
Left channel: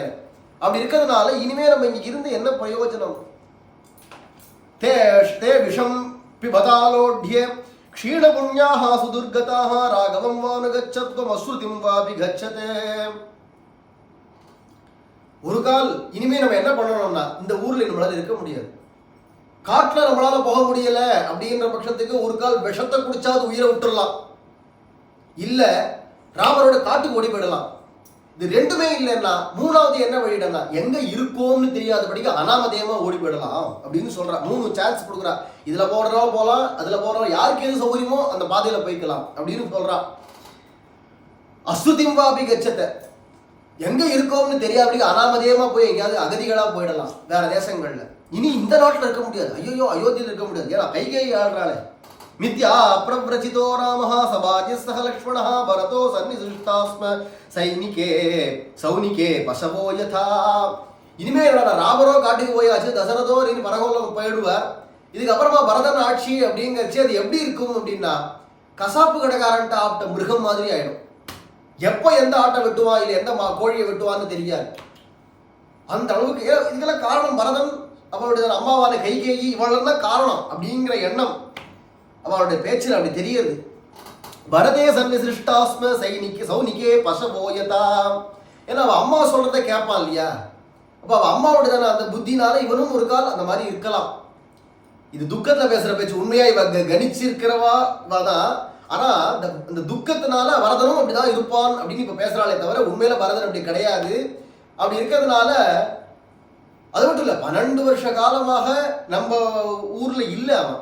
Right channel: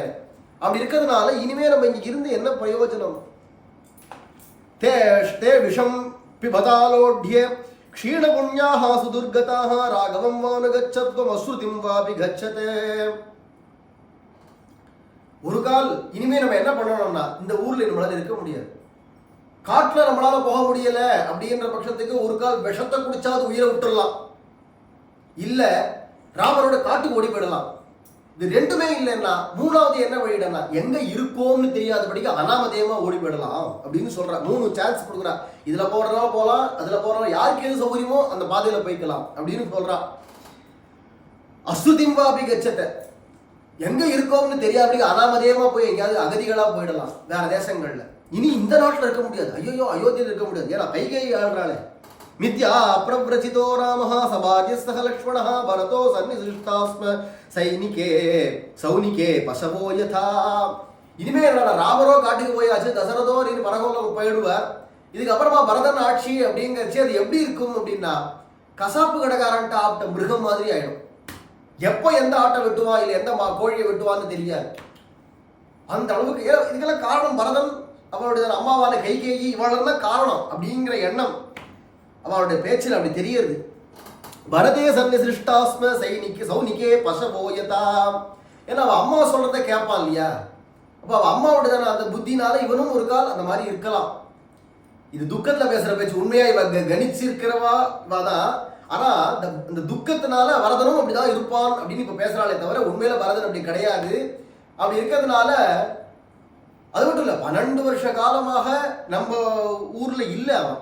அப்படி இருக்கிறதுனால இனிமே நம்ம இங்க இருந்து என்ன பிரயோஜனம்? தே விஷம் பிபதாலோட்யே க்ஷீணபுண்யாஹ சுதுர்கதாஹ ராகவம் வானுகச்சத்வம் அஸ்ருதிம் வாபி கச்சதே. ஒரு கால் இனிமே நம்ம என்ன பண்ணணும்னா, இந்த ஊர்ல நம்மளால இருக்க முடியாது, காட்டுல நம்மளால போக முடியல அப்படின்ற பட்சத்துக்கு ஒரு கால் விஷத்தை குடிச்சாவது உயிரை விட்டுடலாம், இல்ல ராமரோட காட்டுக்கு ஓடி போயிடலாம். இது ரெண்டுமே இல்லைன்னா மூணாவது என்ன வழிடனா, எங்க இருக்கோம்னு தெரியாதபடிக்கு அனாமதேயமா ஓடி போயிடலாம் அப்படின்னு சொல்ற. 3 சான்ஸ் கொடுக்குறா. இதுல போடுறோம் போலாம், அதுல போடுறோம், யாருக்கு எது சௌகரியமோ அந்த பாதையில போய்க்கலாம் அப்படின்னு சொல்றா. அசுதிம்பாபி கச்சத்தை, எங்க இருக்கோம்னு தெரியாதபடிக்கு அனாமதேயமா போய் எங்கேயாவது அகதிகளா போயிடலாம் வேற தேசங்கள்ல. இனி இந்த நாட்டுல இருக்க முடியாது, ஐயோ அயோத்தியில இருக்க முடியாது, ஏன்னா கைகை ஆள்றாளே. மித்யா பிரவ்ரச்சிதோ ராமஹ சபாஜ்யஸ்தஹ லக்ஷ்மணஹ பரதோ சன்னிசிஷ்டாஸ்ம சைனிகே சௌனிகே பசவோ யதா. இனிமே ராமரோ காட்டுக்கு போயாச்சு, தசரதோ நீ பரகோலம் போயிடுவார். இதுக்கப்புறமா பரதன் ஆட்சி அப்படிங்கிறச்சு அது எப்படி இருக்கும் அப்படின்னா, கசாப்பு கடைக்காரன்ட்ட ஆப்ட மிருகம் மாதிரி ஆயிடும். எப்போ எந்த ஆட்டை வெட்டுவான் இல்லை எந்த கோழியை வெட்டுவான்னு தெரியாது. அந்த அளவுக்கு இதுக்கெல்லாம் காரணம் பரதன், அவளுடைய அம்மாவான கைகேயி, இவள் தான் காரணம் அப்படிங்கிற எண்ணம் அவளுடைய பேச்சில் அப்படி தெரியுது. பரதே சன்னிசிருஷ்டாஸ்ம சௌனிகே பசபோயதா. ஏன்னா அவள் அம்மா சொல்றதை கேட்பான் இல்லையா? அப்போ அவள் அம்மாவுடைய அந்த புத்தினால இவனும் ஒரு கால் அந்த மாதிரி இருக்கலாம். இது துக்கத்தில் பேசுற பேச்சு. உண்மையா இவ கணிச்சிருக்கிறவா தான். ஆனா இந்த துக்கத்தினால பரதனும் அப்படிதான் இருப்பான் அப்படின்னு இப்ப பேசுறாளே தவிர உண்மையில பரதன் அப்படி கிடையாது. அப்படி இருக்கிறதுனால அது மட்டும் இல்ல, 12 வருஷ காலமாக நம்ம ஊர்ல இல்ல அவன்.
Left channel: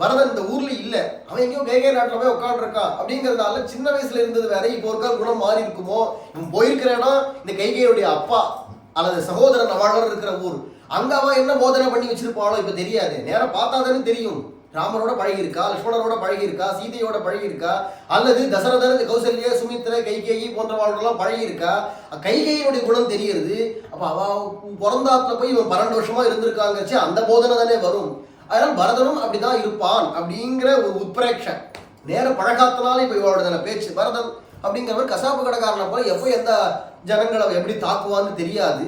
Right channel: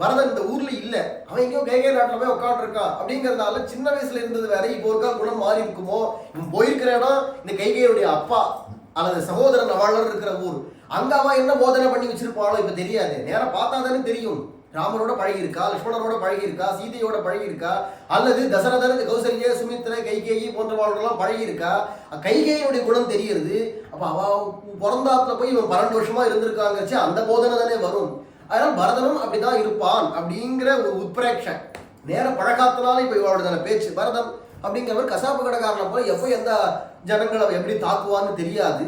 பரதன் இந்த ஊர்ல இல்ல, அவன் எங்கேயோ கைகை நாட்டில் போய் உட்காந்துருக்கான். அப்படிங்கிறதுனால சின்ன வயசுல இருந்தது வேற, இப்போ ஒரு குணம் மாறி இருக்குமோ. இவன் போயிருக்கிற இடம் இந்த கைகையுடைய அப்பா அல்லது சகோதரன் அவளர் இருக்கிற ஊர். அங்க அவன் என்ன போதனை பண்ணி வச்சிருப்பாளோ இப்ப தெரியாது. நேரம் பார்த்தாதானே தெரியும். ராமரோட பழகியிருக்கா, லட்சுமணரோட பழகியிருக்கா, சீதையோட பழகியிருக்கா, அல்லது தசரதர், கௌசல்ய, சுமித்ர, கைகேயி போன்றவாளோடலாம் பழகியிருக்கா. கைகேயினுடைய குணம் தெரியுது. அப்ப அவ பிறந்தாத்துல போய் இவன் 12 வருஷமா இருந்திருக்காங்கச்சு அந்த போதனை தானே வரும். அதனால பரதனும் அப்படிதான் இருப்பான் அப்படிங்கிற ஒரு உத்பிரேட்சம் நேர பழகாத்தினால இப்ப இவளோட பேச்சு. பரதன் அப்படிங்கிறவர் கசாப்பு கடைக்காரனை போல எப்போ எந்த ஜனங்களை எப்படி தாக்குவான்னு தெரியாது.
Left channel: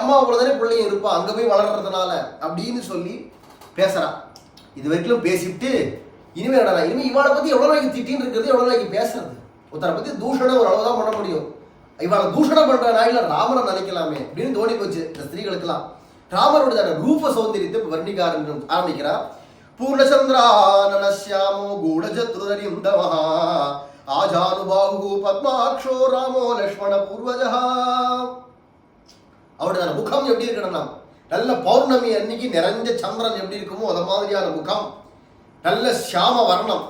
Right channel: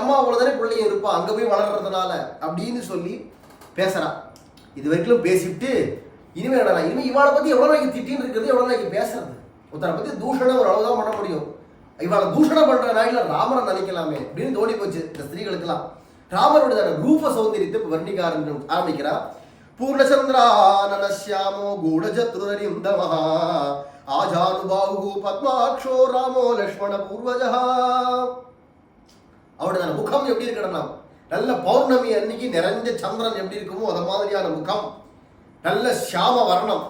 அம்மா அவ்வளவுதானே பிள்ளையும் இருப்பான் அங்க போய் வளர்றதுனால அப்படின்னு சொல்லி பேசுறான். இது வரைக்கும் பேசிவிட்டு இனிமே என்னடா இனிமே இவாளை பத்தி எவ்வளவு நாளைக்கு திட்டின்னு இருக்கிறது, எவ்வளவு நாளைக்கு பேசுறது. ஒருத்தரை பத்தி தூஷணம் ஒரு அளவுதான் பண்ண முடியும். இவாளை தூஷணம் பண்ற நாயில ராமரை நினைக்கலாமே அப்படின்னு தோணி போச்சு இந்த ஸ்திரீகளுக்கெல்லாம். ராமருடைய ரூப சௌந்தரியத்தை வர்ணிக்க ஆரம்பிக்கிறா. பூர்ணச்சந்திரானனஸ்யாமோ கூடஜத்ருரிந்தமஹா ஆஜானுபாஹு பத்மாக்ஷோ ராமோ லக்ஷ்மண பூர்வஜா. அவருடைய முகம் எப்படி இருக்கணும்? நல்ல பௌர்ணமி அன்னைக்கு நிறைஞ்ச சந்திரன் எப்படி இருக்குமோ அது மாதிரியான முகம், நல்ல சியாம வர்ணம்,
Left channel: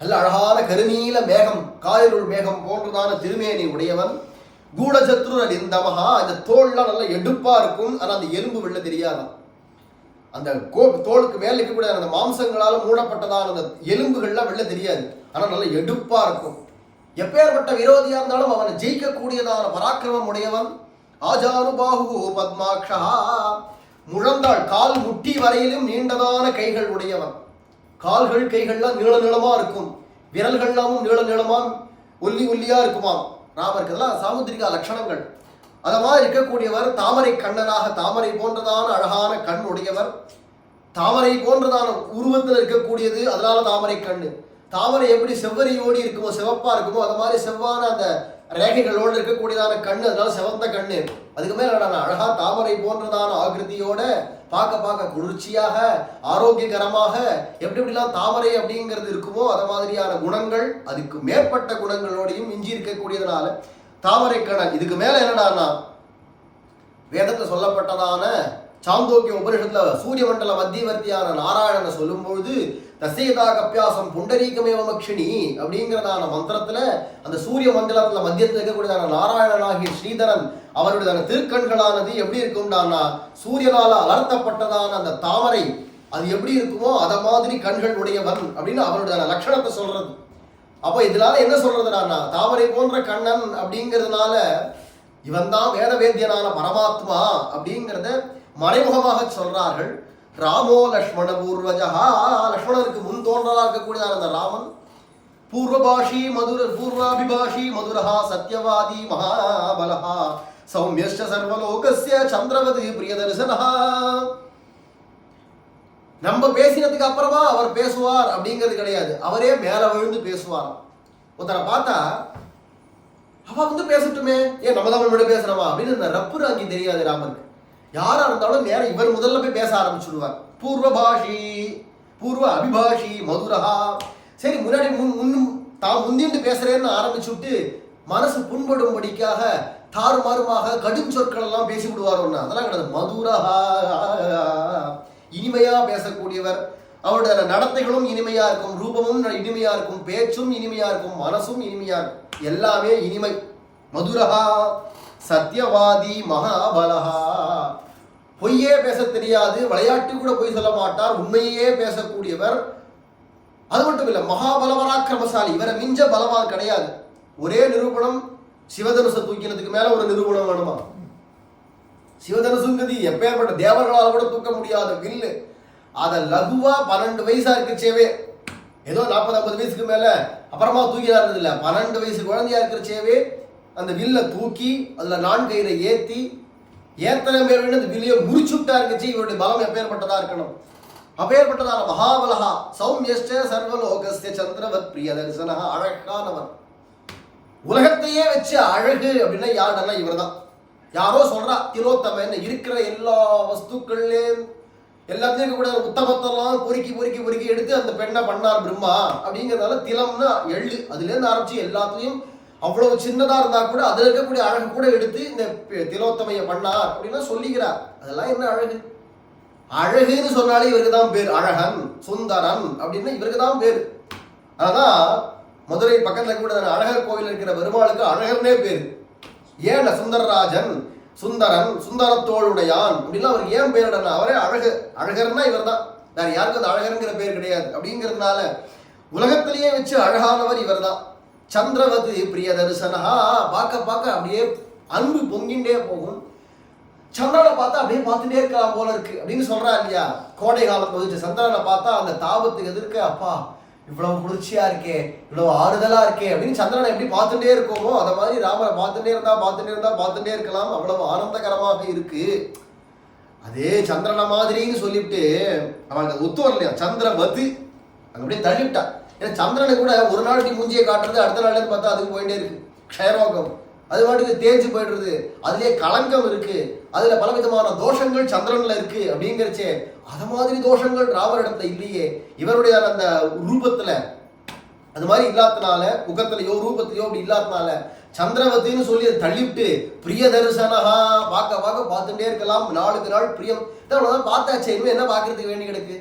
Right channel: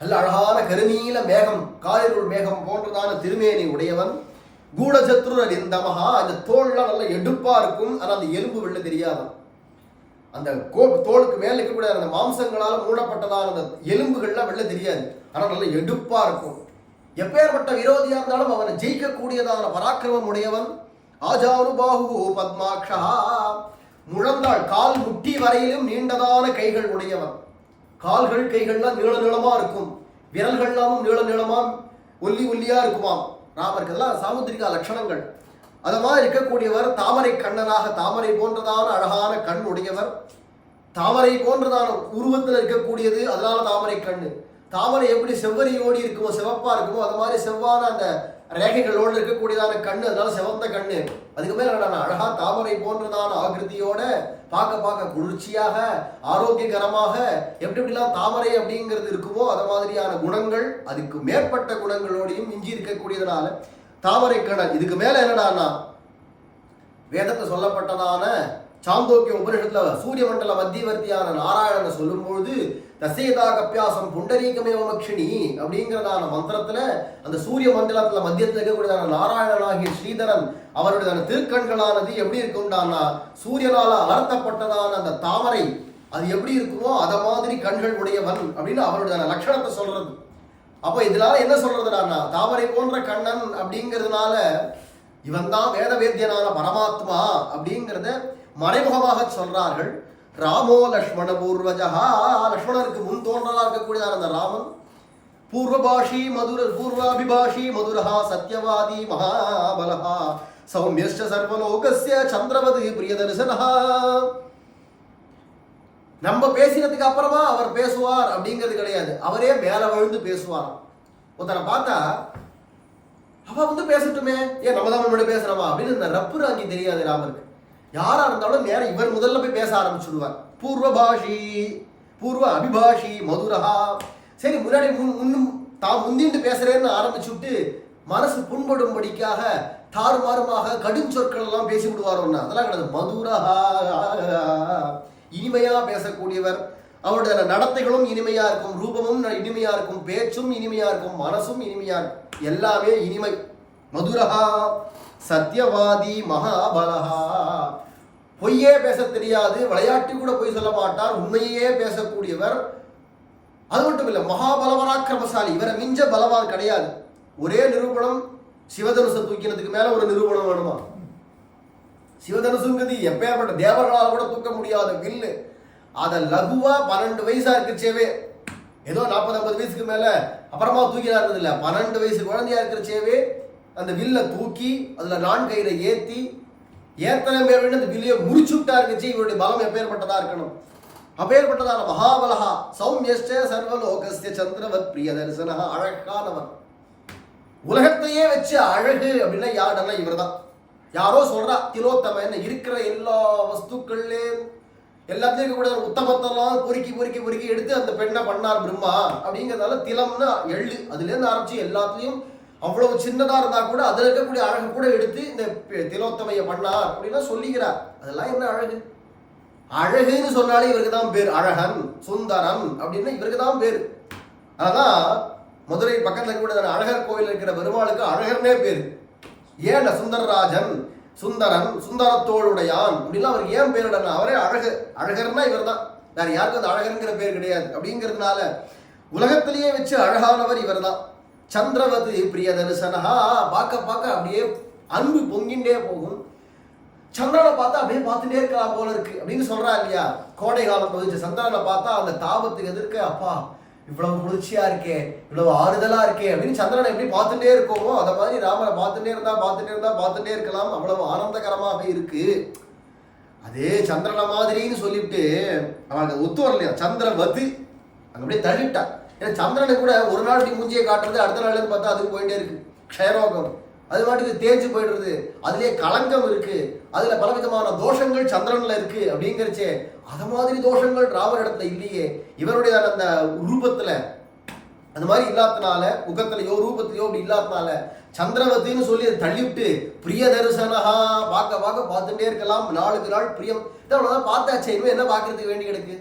நல்ல அழகான கருநீல மேகம், காலிருள் மேகம் போன்றதான திருமேனி உடையவன். கூடசத்ருரிந்தமஹா, இந்த தோல்லாம் நல்ல எடுப்பா இருக்கும். ஆனா அந்த எலும்பு வெள்ள தெரியாதான். அந்த தோளுக்கு மேல இருக்கக்கூடிய அந்த மாம்சங்களால மூடப்பட்டதான அந்த எலும்புகள்லாம் வெள்ள தெரியாது. ஆனா நல்ல எடுப்பா இருக்கும். எப்பேற்பட்ட விரோதியா இருந்தாலும் அவனை ஜெயிக்கக்கூடியதான பராக்கிரமம் உடையவன். ஆஜானுபாஹு பத்மாக்ஷா, முழந்தாள் கால் முட்டி வரையிலும் நீண்டதான கைகள் உடையவன். கால்கள் கைகள்லாம் நீள நீளமா இருக்கும், விரல்கள்லாமும் நீள நீளமா ஒல்லி ஒல்லியா இருக்குமாம். ராமருக்கு இதெல்லாம் சாமுத்திரிகா லட்சணங்கள். அத மாதிரி இருக்கக்கூடியவர். தாமரை கண்ணனாக, தாமரை போன்றதான அழகான கண் உடையவர். தாமரை போன்றதான உருவத்தில் இருக்கக்கூடியது, அதனால தாமரை கண்ணு. தாமரை எப்படி செவ்வரியோடி இருக்குமோ, சிவப்பா இருக்குமோ, அது மாதிரி செவ்வான அந்த ரேகைகளோடு இருக்கக்கூடியதான கண்ணு, அதனால சிவந்த கண்ணு. அதுக்கு மேல அழகா தாமரை போன்றதான ஆகிருதியோட பார்க்க குளிர்ச்சியாக ஆரோக்கியகரமாக எப்படி எப்படிலாம் தாமரை அப்படிங்கிறது இருக்குமோ அது மாதிரியான குணங்கள், அதுக்கு மேற்பட்ட குணங்களோடையும் மிஞ்சி இருக்கக்கூடியதுனால தாமரை கண்ணன். இதுக்கு மேல என்னடான்னா வேதத்தில் சொல்லப்பட்டதான சாந்தோக்கிய உபனிஷத்துல சூரிய மண்டல மத்தியவர்த்தியான நாராயணனை சொல்லும்பொழுது தசேதா கப்பியாசம் புண்டரீகமேவமக்ஷினி அப்படிங்கிறதான மந்திரத்துல அந்த சூரிய மண்டலத்துல மத்தியத்தில் இருக்கக்கூடியதான நாராயணனாகிய ஸ்ரீதரன் அவருடைய திருக்கண்களானது எப்படி இருக்கும்டானா சூரியனால அலர்த்தப்பட்டதான அந்த தாமரை அது எப்படி இருக்குமோ அத மாதிரி கண்கள் உடையவன் அப்படின்னு அவருடைய லட்சணத்தை சொல்றது. அப்போ இதனால என்ன சொல்றதுனா தாமரை போன்ற கண்ணன் அப்படிங்கிறதுனால இவன் தான் வேத வேத்தியனான பரமாத்மா அப்படிங்கிறத மறைமுகமாக சொல்றார்கள். ராமோ லக்ஷ்மண பூர்வஜா, லக்ஷ்மணருக்கு முன் தோன்றலா இருக்கக்கூடியதான அந்த ராமன். பூர்வபாஷி பூர்வாபிபாஷி மதுரஹா சத்யவாதி மகாபலஹா சௌமியஸ்ச சர்வலோகஸ்ய சந்திரவது பிரியதர்சனஹா. நம்ம பேசினதுக்கு அப்புறமா அவர் பேசுவார் அப்படிங்கிறது கிடையாது, அவரே மேல விழுந்து பேசுவாராம். ஒருத்தரை பார்த்தா அவ பேசட்டுமே, ஏன் நம்ம தான் மட்டும் பேசுறோமா அப்படின்னு இந்த ரப்பு ராங்கி தெரியாது ராமருக்கு. யாரா இருந்தாலும் நேரம் இவர் முதல்ல போய் பேச ஆரம்பிச்சுடுவார். பூர்வபாஷி பூர்வ அபிபாஷி மதுரஹா. சரி, முன்னாடி தான் முந்திண்டு பேசுறேன்னு ஆரம்பிச்சு விட்டு மனசு புண்படும்படிக்காக தாறுமாறுமாக கடும் சொற்கள் எல்லாம் பேசி விடுவார். ஒன்று அதெல்லாம் கிடையாது. மதுரஹா, இனிமையா பேசக்கூடியவர். அவருடைய நடத்தைகளும் இனிமையா இருக்கும், ரூபமும் இனிமையா இருக்கும், பேச்சும் இனிமையா இருக்கும், மனசும் இனிமையா இருக்கும், எல்லாமே இனிமை. மதுரஹா சத்யவாதி மகாபலஹா, பொய்யே பேச தெரியாது, விளையாட்டு கூட பொய் சொல்ல மாட்டார், உண்மையே பேசக்கூடியவர். அது மட்டும் இல்லை, மகாபலவராக்கிரமசாலி, இவரை மிஞ்ச பலவான் கிடையாது. ஒரே நிரூபணம், சிவதனுசை தூக்கினதுக்கு மேல ஒரு நிரூபணம் வேணுமா? சிவதனுசுங்கிறது எப்பேற்பட்ட தேவர்களால் கூட தூக்க முடியாத வில்லு. அதை லகுவா 12 வயசா இருக்குச்சேவே ஏதோ 40-50 வயசுக்கு மேல அப்புறமா தூக்கிதான் இருந்தது இல்லை. 12 வயசு குழந்தையா இருக்கிறச்சேவே அந்த வில்ல தூக்கி அதுல 4 கயிறை ஏத்தி ஏத்தனை பேர் அந்த வில்லையை முறிச்சுட்டா இருந்துச்சு. இவருடைய பலம் எப்பேற்பட்டதா இருக்கணும். அப்பேற்பட்டதான மகாபலகா சௌமியஷ்ட சர்வலோகஸ்ய சந்திரவத் பிரிய தரிசனஹா, அழகானவர். உலகத்தையே வச்சு அழகு அப்படின்னா யாருன்னா இவர் தான். யாரோ சொல்றா திலோத்தமன் இருக்கிற எல்லா வஸ்துக்கள்லே எல்லாத்தையும் கூட உத்தமத்தெல்லாம் பொறுக்கி பொறுக்கி பொறுக்கி எடுத்து அந்த பெண்ணை பண்ணார் பிரம்மா. அப்படிங்கிறதால திலம்னா எள்ளு, அதுல இருந்து ஆரம்பிச்சு எல்லாத்துலயும் அவ்வளவு சின்னதா இருந்தா கூட அதுல இருக்கக்கூடிய அழகு கூட எடுத்து இந்த திலோத்தமைய பண்ணார் அப்படின்னா சொல்லிக்கிறார். அதெல்லாம் என்ன அழகு? அழகுன்னு சொன்னாலே இவருக்கு தான் பேர். அழகன் சுந்தரன் அப்படின்னா இவருக்கு தான் பேரு. அதான் மதுரை பக்கத்துல கூட அழகர் கோவில் இருக்கிற பெருமாளுக்கு அழகர்னே பேரு. ஏன் சுந்தரராஜன், சுந்தரன், சுந்தரத்தோளுடையான் அப்படின்னா அவருக்கு ஏன் பேருடனா? அவரே அழகு. அழகர்னா இவர் தான், வேற யாருக்கும் அந்த அழகருங்கிற பேர் கிடையாது. அப்படிங்கிறதுனால உலகத்திலேயே வச்சு அழகானவர் இவர் தான். சந்திரவதி பிரிய தரிசனஹா, பார்க்க பார்க்க அப்படியே அன்பு பொங்கிண்டே போகும். சந்திரனை பார்த்தா அப்படியே பார்த்துட்டே இருக்கலாம் போல இருக்கு அப்படின்னு சொல்றா இல்லையா? கோடை காலம் பதிச்சு சந்திரனை பார்த்தா அந்த தாபத்துக்கு எதிர்க்க அப்பா இவ்வளவு குளிர்ச்சியா இருக்கே, இவ்வளவு ஆறுதலா இருக்கே அப்படின்னு சந்திரனை எப்படி பார்த்துட்டே இருக்கோமோ அதை மாதிரி ராமரை பார்த்துட்டே பார்த்துட்டே இருக்கலாம். அவ்வளவு ஆனந்தகரமாக இருக்கு. அதே சந்திரனை மாதிரின்னு சொல்லிவிட்டு அவனுக்கு ஒத்து வரலையா? சந்திரவதி அங்க அப்படியே தள்ளிவிட்டா. ஏன்னா சந்திரனை கூட ஒரு நாள் இப்படி மூஞ்சியை காட்டுறது, அடுத்த நாள்ல இருந்து பார்த்தா அதுக்கு போயிட்டே இருக்கு. க்ஷயரோகம் அது மாட்டுக்கு தேஞ்சு போயிடுறது, அதுலயே களங்கம் இருக்கு, அதுல பலவிதமான தோஷங்கள் சந்திரன்ல இருக்கு. அப்படிங்கிறச்சே அது மாதிரி தோஷங்கள் ராமரிடத்துல இல்லையே. இவருடைய அந்த ரூபத்துல அது மாதிரி இல்லாதனால, முகத்திலையோ ரூபத்திலையோ அப்படி இல்லாதனால சந்திரவத்தின்னு சொல்லி அதை தள்ளிவிட்டு பிரிய தரிசனஹா, பார்க்க பார்க்க பார்த்துட்டே இருக்கலாம். நாளுக்கு நாள் பிரியம். அவ்வளவுதான் பார்த்தாச்சே, இனிமே என்ன பார்க்கறதுக்கு வேண்டி கிடக்கு?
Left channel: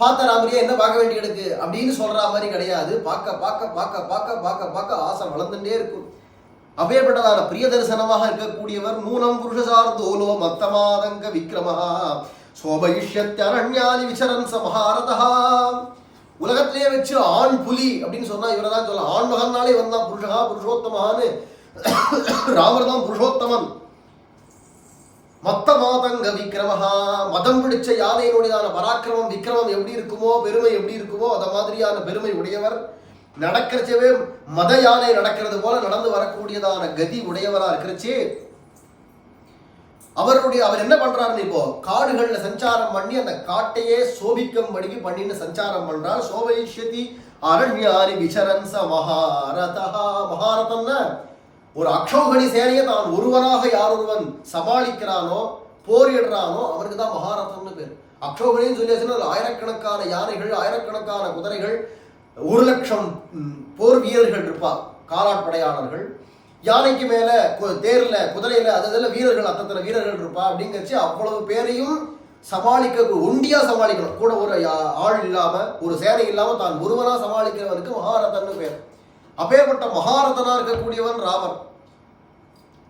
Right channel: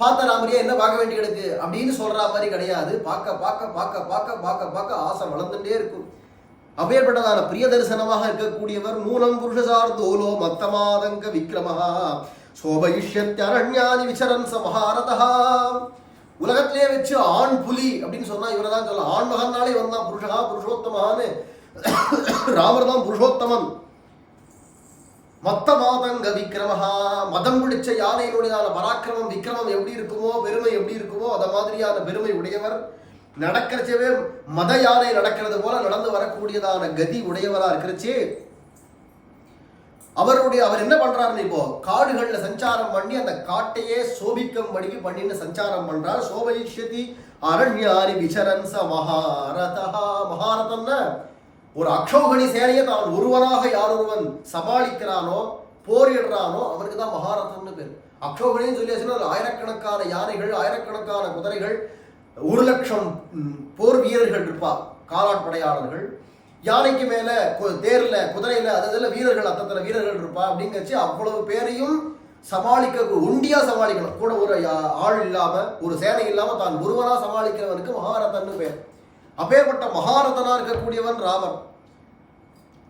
பார்த்த ராமரியா என்ன பார்க்க வேண்டி கிடக்கு அப்படின்னு சொல்ற மாதிரி கிடையாது. பார்க்க பார்க்க பார்க்க பார்க்க பார்க்க பார்க்க ஆசை வளர்ந்துட்டே இருக்கும். அப்பேற்பட்டதான பிரிய தரிசனமாக இருக்கக்கூடியவர். நூனம் புருஷசார்தோலோ மத்தமாதங்க விக்ரமஹா சோபயிஷ்யத்யரண்யானி விசரன் சமஹாரதஹா. உலகத்திலேயே வச்சு ஆண் புலி அப்படின்னு சொன்னா இவரை தான் சொல்லலாம். ஆண் மகன்னாலே வந்தான் புருஷகா புருஷோத்தமான்னு. ராமர் தான் புருஷோத்தமன். மத்த மாதங்க விக்ரமஹா, மதம் பிடிச்ச யானையினுடையதான பராக்கிரமம் விக்ரமம் எப்படி இருக்குமோ, பெருமை எப்படி இருக்குமோ அத மாதிரியான பெருமை உடையவர். நடக்கிறச்சவே மத யானை நடக்கிறது போல நடந்து வரக்கூடியதான கதி உடையவரா இருக்கிறச்சே அவர் என்ன பண்றாருன்னு இப்போ காடுகள்ல சஞ்சாரம் பண்ணி அந்த காட்டையே சோபிக்கும்படிக்கு பண்ணின்னு சஞ்சாரம் பண்றார். சோபயிஷ்யதி அரண்யாரி விசரன் ச மகாரதஹா. மகாரதம்னா ஒரு அக்ஷோகணி சேனையை தான் ஒருவனாக யாரொருவன் சமாளிக்கிறானோ போரிடுறானோ அவனுக்கு தான் மகாரதம்னு பேர். அக்ஷோகணின்னு சொல்லியாச்சுன்னா ஆயிரக்கணக்கான யானைகள், ஆயிரக்கணக்கான குதிரைகள், 1,00,000 போர் வீரர்கள் இருப்பா, காலாட்படையாளர்கள். யானைக்கு மேல தேர்ல குதிரையில அதில் வீரர்கள், அத்தனை வீரர்கள் இருப்பா. அப்படிங்கிறச்சு அவ்வளவு பேரையும் சமாளிக்க ஒண்டியா சமாளிக்கணும். கூட ஒரு ஆள் இல்லாம ஒரு சேனை இல்லாம தான் ஒருவனா சமாளிக்கிறவனுக்கு மகாரதன்னு பேர். அப்பேற்பட்ட மகாரதனா இருக்கக்கூடியவன் ராமர்.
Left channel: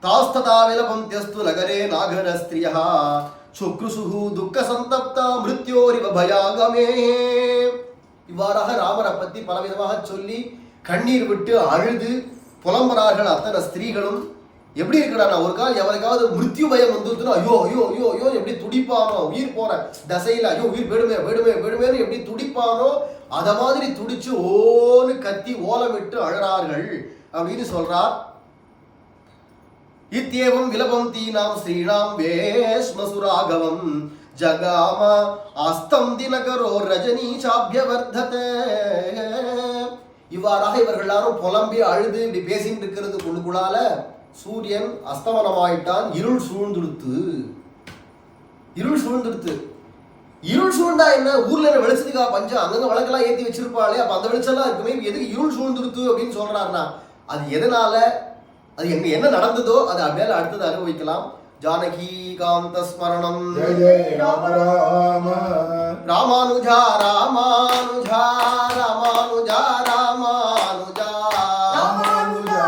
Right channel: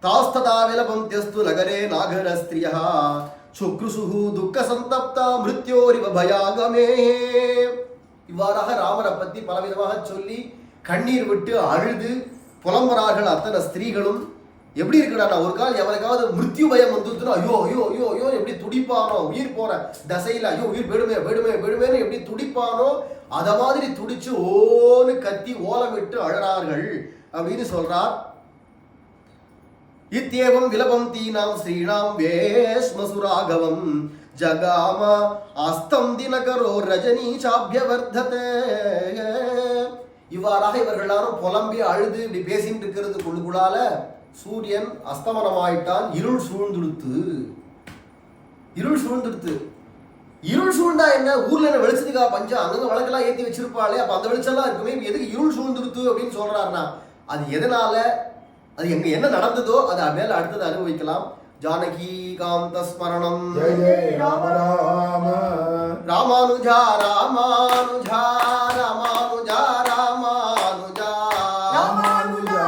தாஸ்ததா விலபம் தியஸ்து நகரே நாகர ஸ்திரியா சுக்ருசுஹு துக்க சந்தப்தா மிருத்யோரிவ பயாகமே. இவ்வாறாக ராமரை பத்தி பலவிதமாக சொல்லி கண்ணீர் விட்டு அழுது புலம்புறார்கள் அத்தனை ஸ்திரீகளும். எப்படி இருக்கிறான் ஒரு கால் எவனுக்காவது மிருத்யு பயம் வந்துருச்சுன்னா ஐயோ ஐயோ ஐயோ ஐயோ எப்படி துடிப்பானோ, உயிர் போற தசையில ஐயோ உயிர் விடுமே விடுமே விடுமேன்னு எப்படி துடிப்பானோ அத மாதிரி துடிச்சு ஓன்னு கத்தி ஓலமிட்டு அழறார்கள் அப்படின்னு சொல்றார். இத்யேவம் விலபம் தீனாம் ஸ்ரீணாம் வேஷ்மசுராகவம் ஜகாம அஸ்தம் தினகரோ ரஜனி சாபியவர்ததே. இவ்வாறாக இவர்கள் எல்லாரும் புலம்பி அழுது இப்படி பேசிட்டு இருக்கிறது குழுக்குள்ளால சூரியன் அஸ்தமனமாயிட்டான். இருள் சூழ்ந்துடுத்து. இருள் சூழ்ந்தா என்ன? ஊர்ல என்ன வெளிச்சத்துக்கா பஞ்சம்? அங்கங்க விளக்கெல்லாம் ஏற்றி வச்சிருப்பாளே, அப்ப அந்த வெளிச்சம்லாம் இருக்குமே, எதுக்கு இருள் சூழ்ந்துடுத்து அப்படின்னு சொல்றாருன்னா அது எதனால, அது எங்க என்ன நடந்ததோ அது மேல அடுத்தது அனுபவிக்கலாம். ஜானகி காந்த ஸ்மரணம். ராமானுஜா ராமானுஜா ராமானுஜா ராமானுஜா ராமானுஜா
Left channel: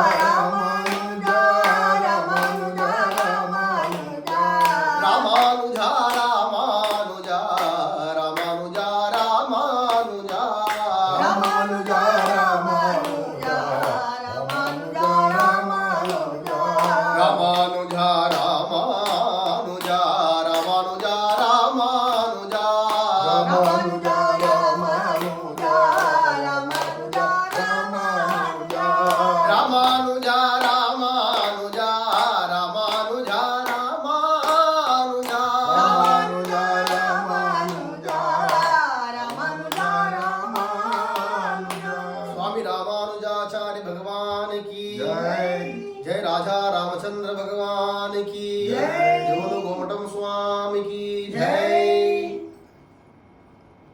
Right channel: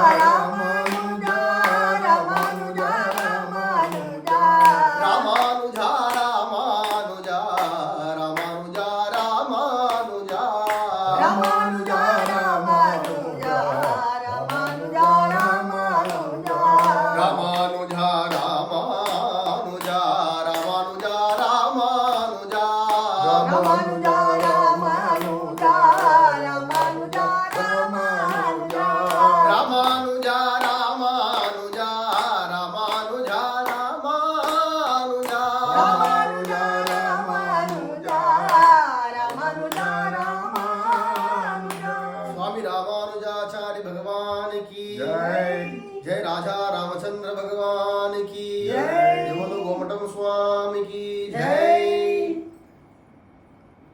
ராமானுஜா ராமானுஜா ராமானுஜா ராமானுஜா ராமானுஜா ராமானுஜா ராமானுஜா ராமானுஜா ராமானுஜா ராமானுஜா रामानुजाचार्य भगवान की जय। जय राजा रामचंद्र भगवान की जय। जय बोलो गोमटम स्वामी की जय।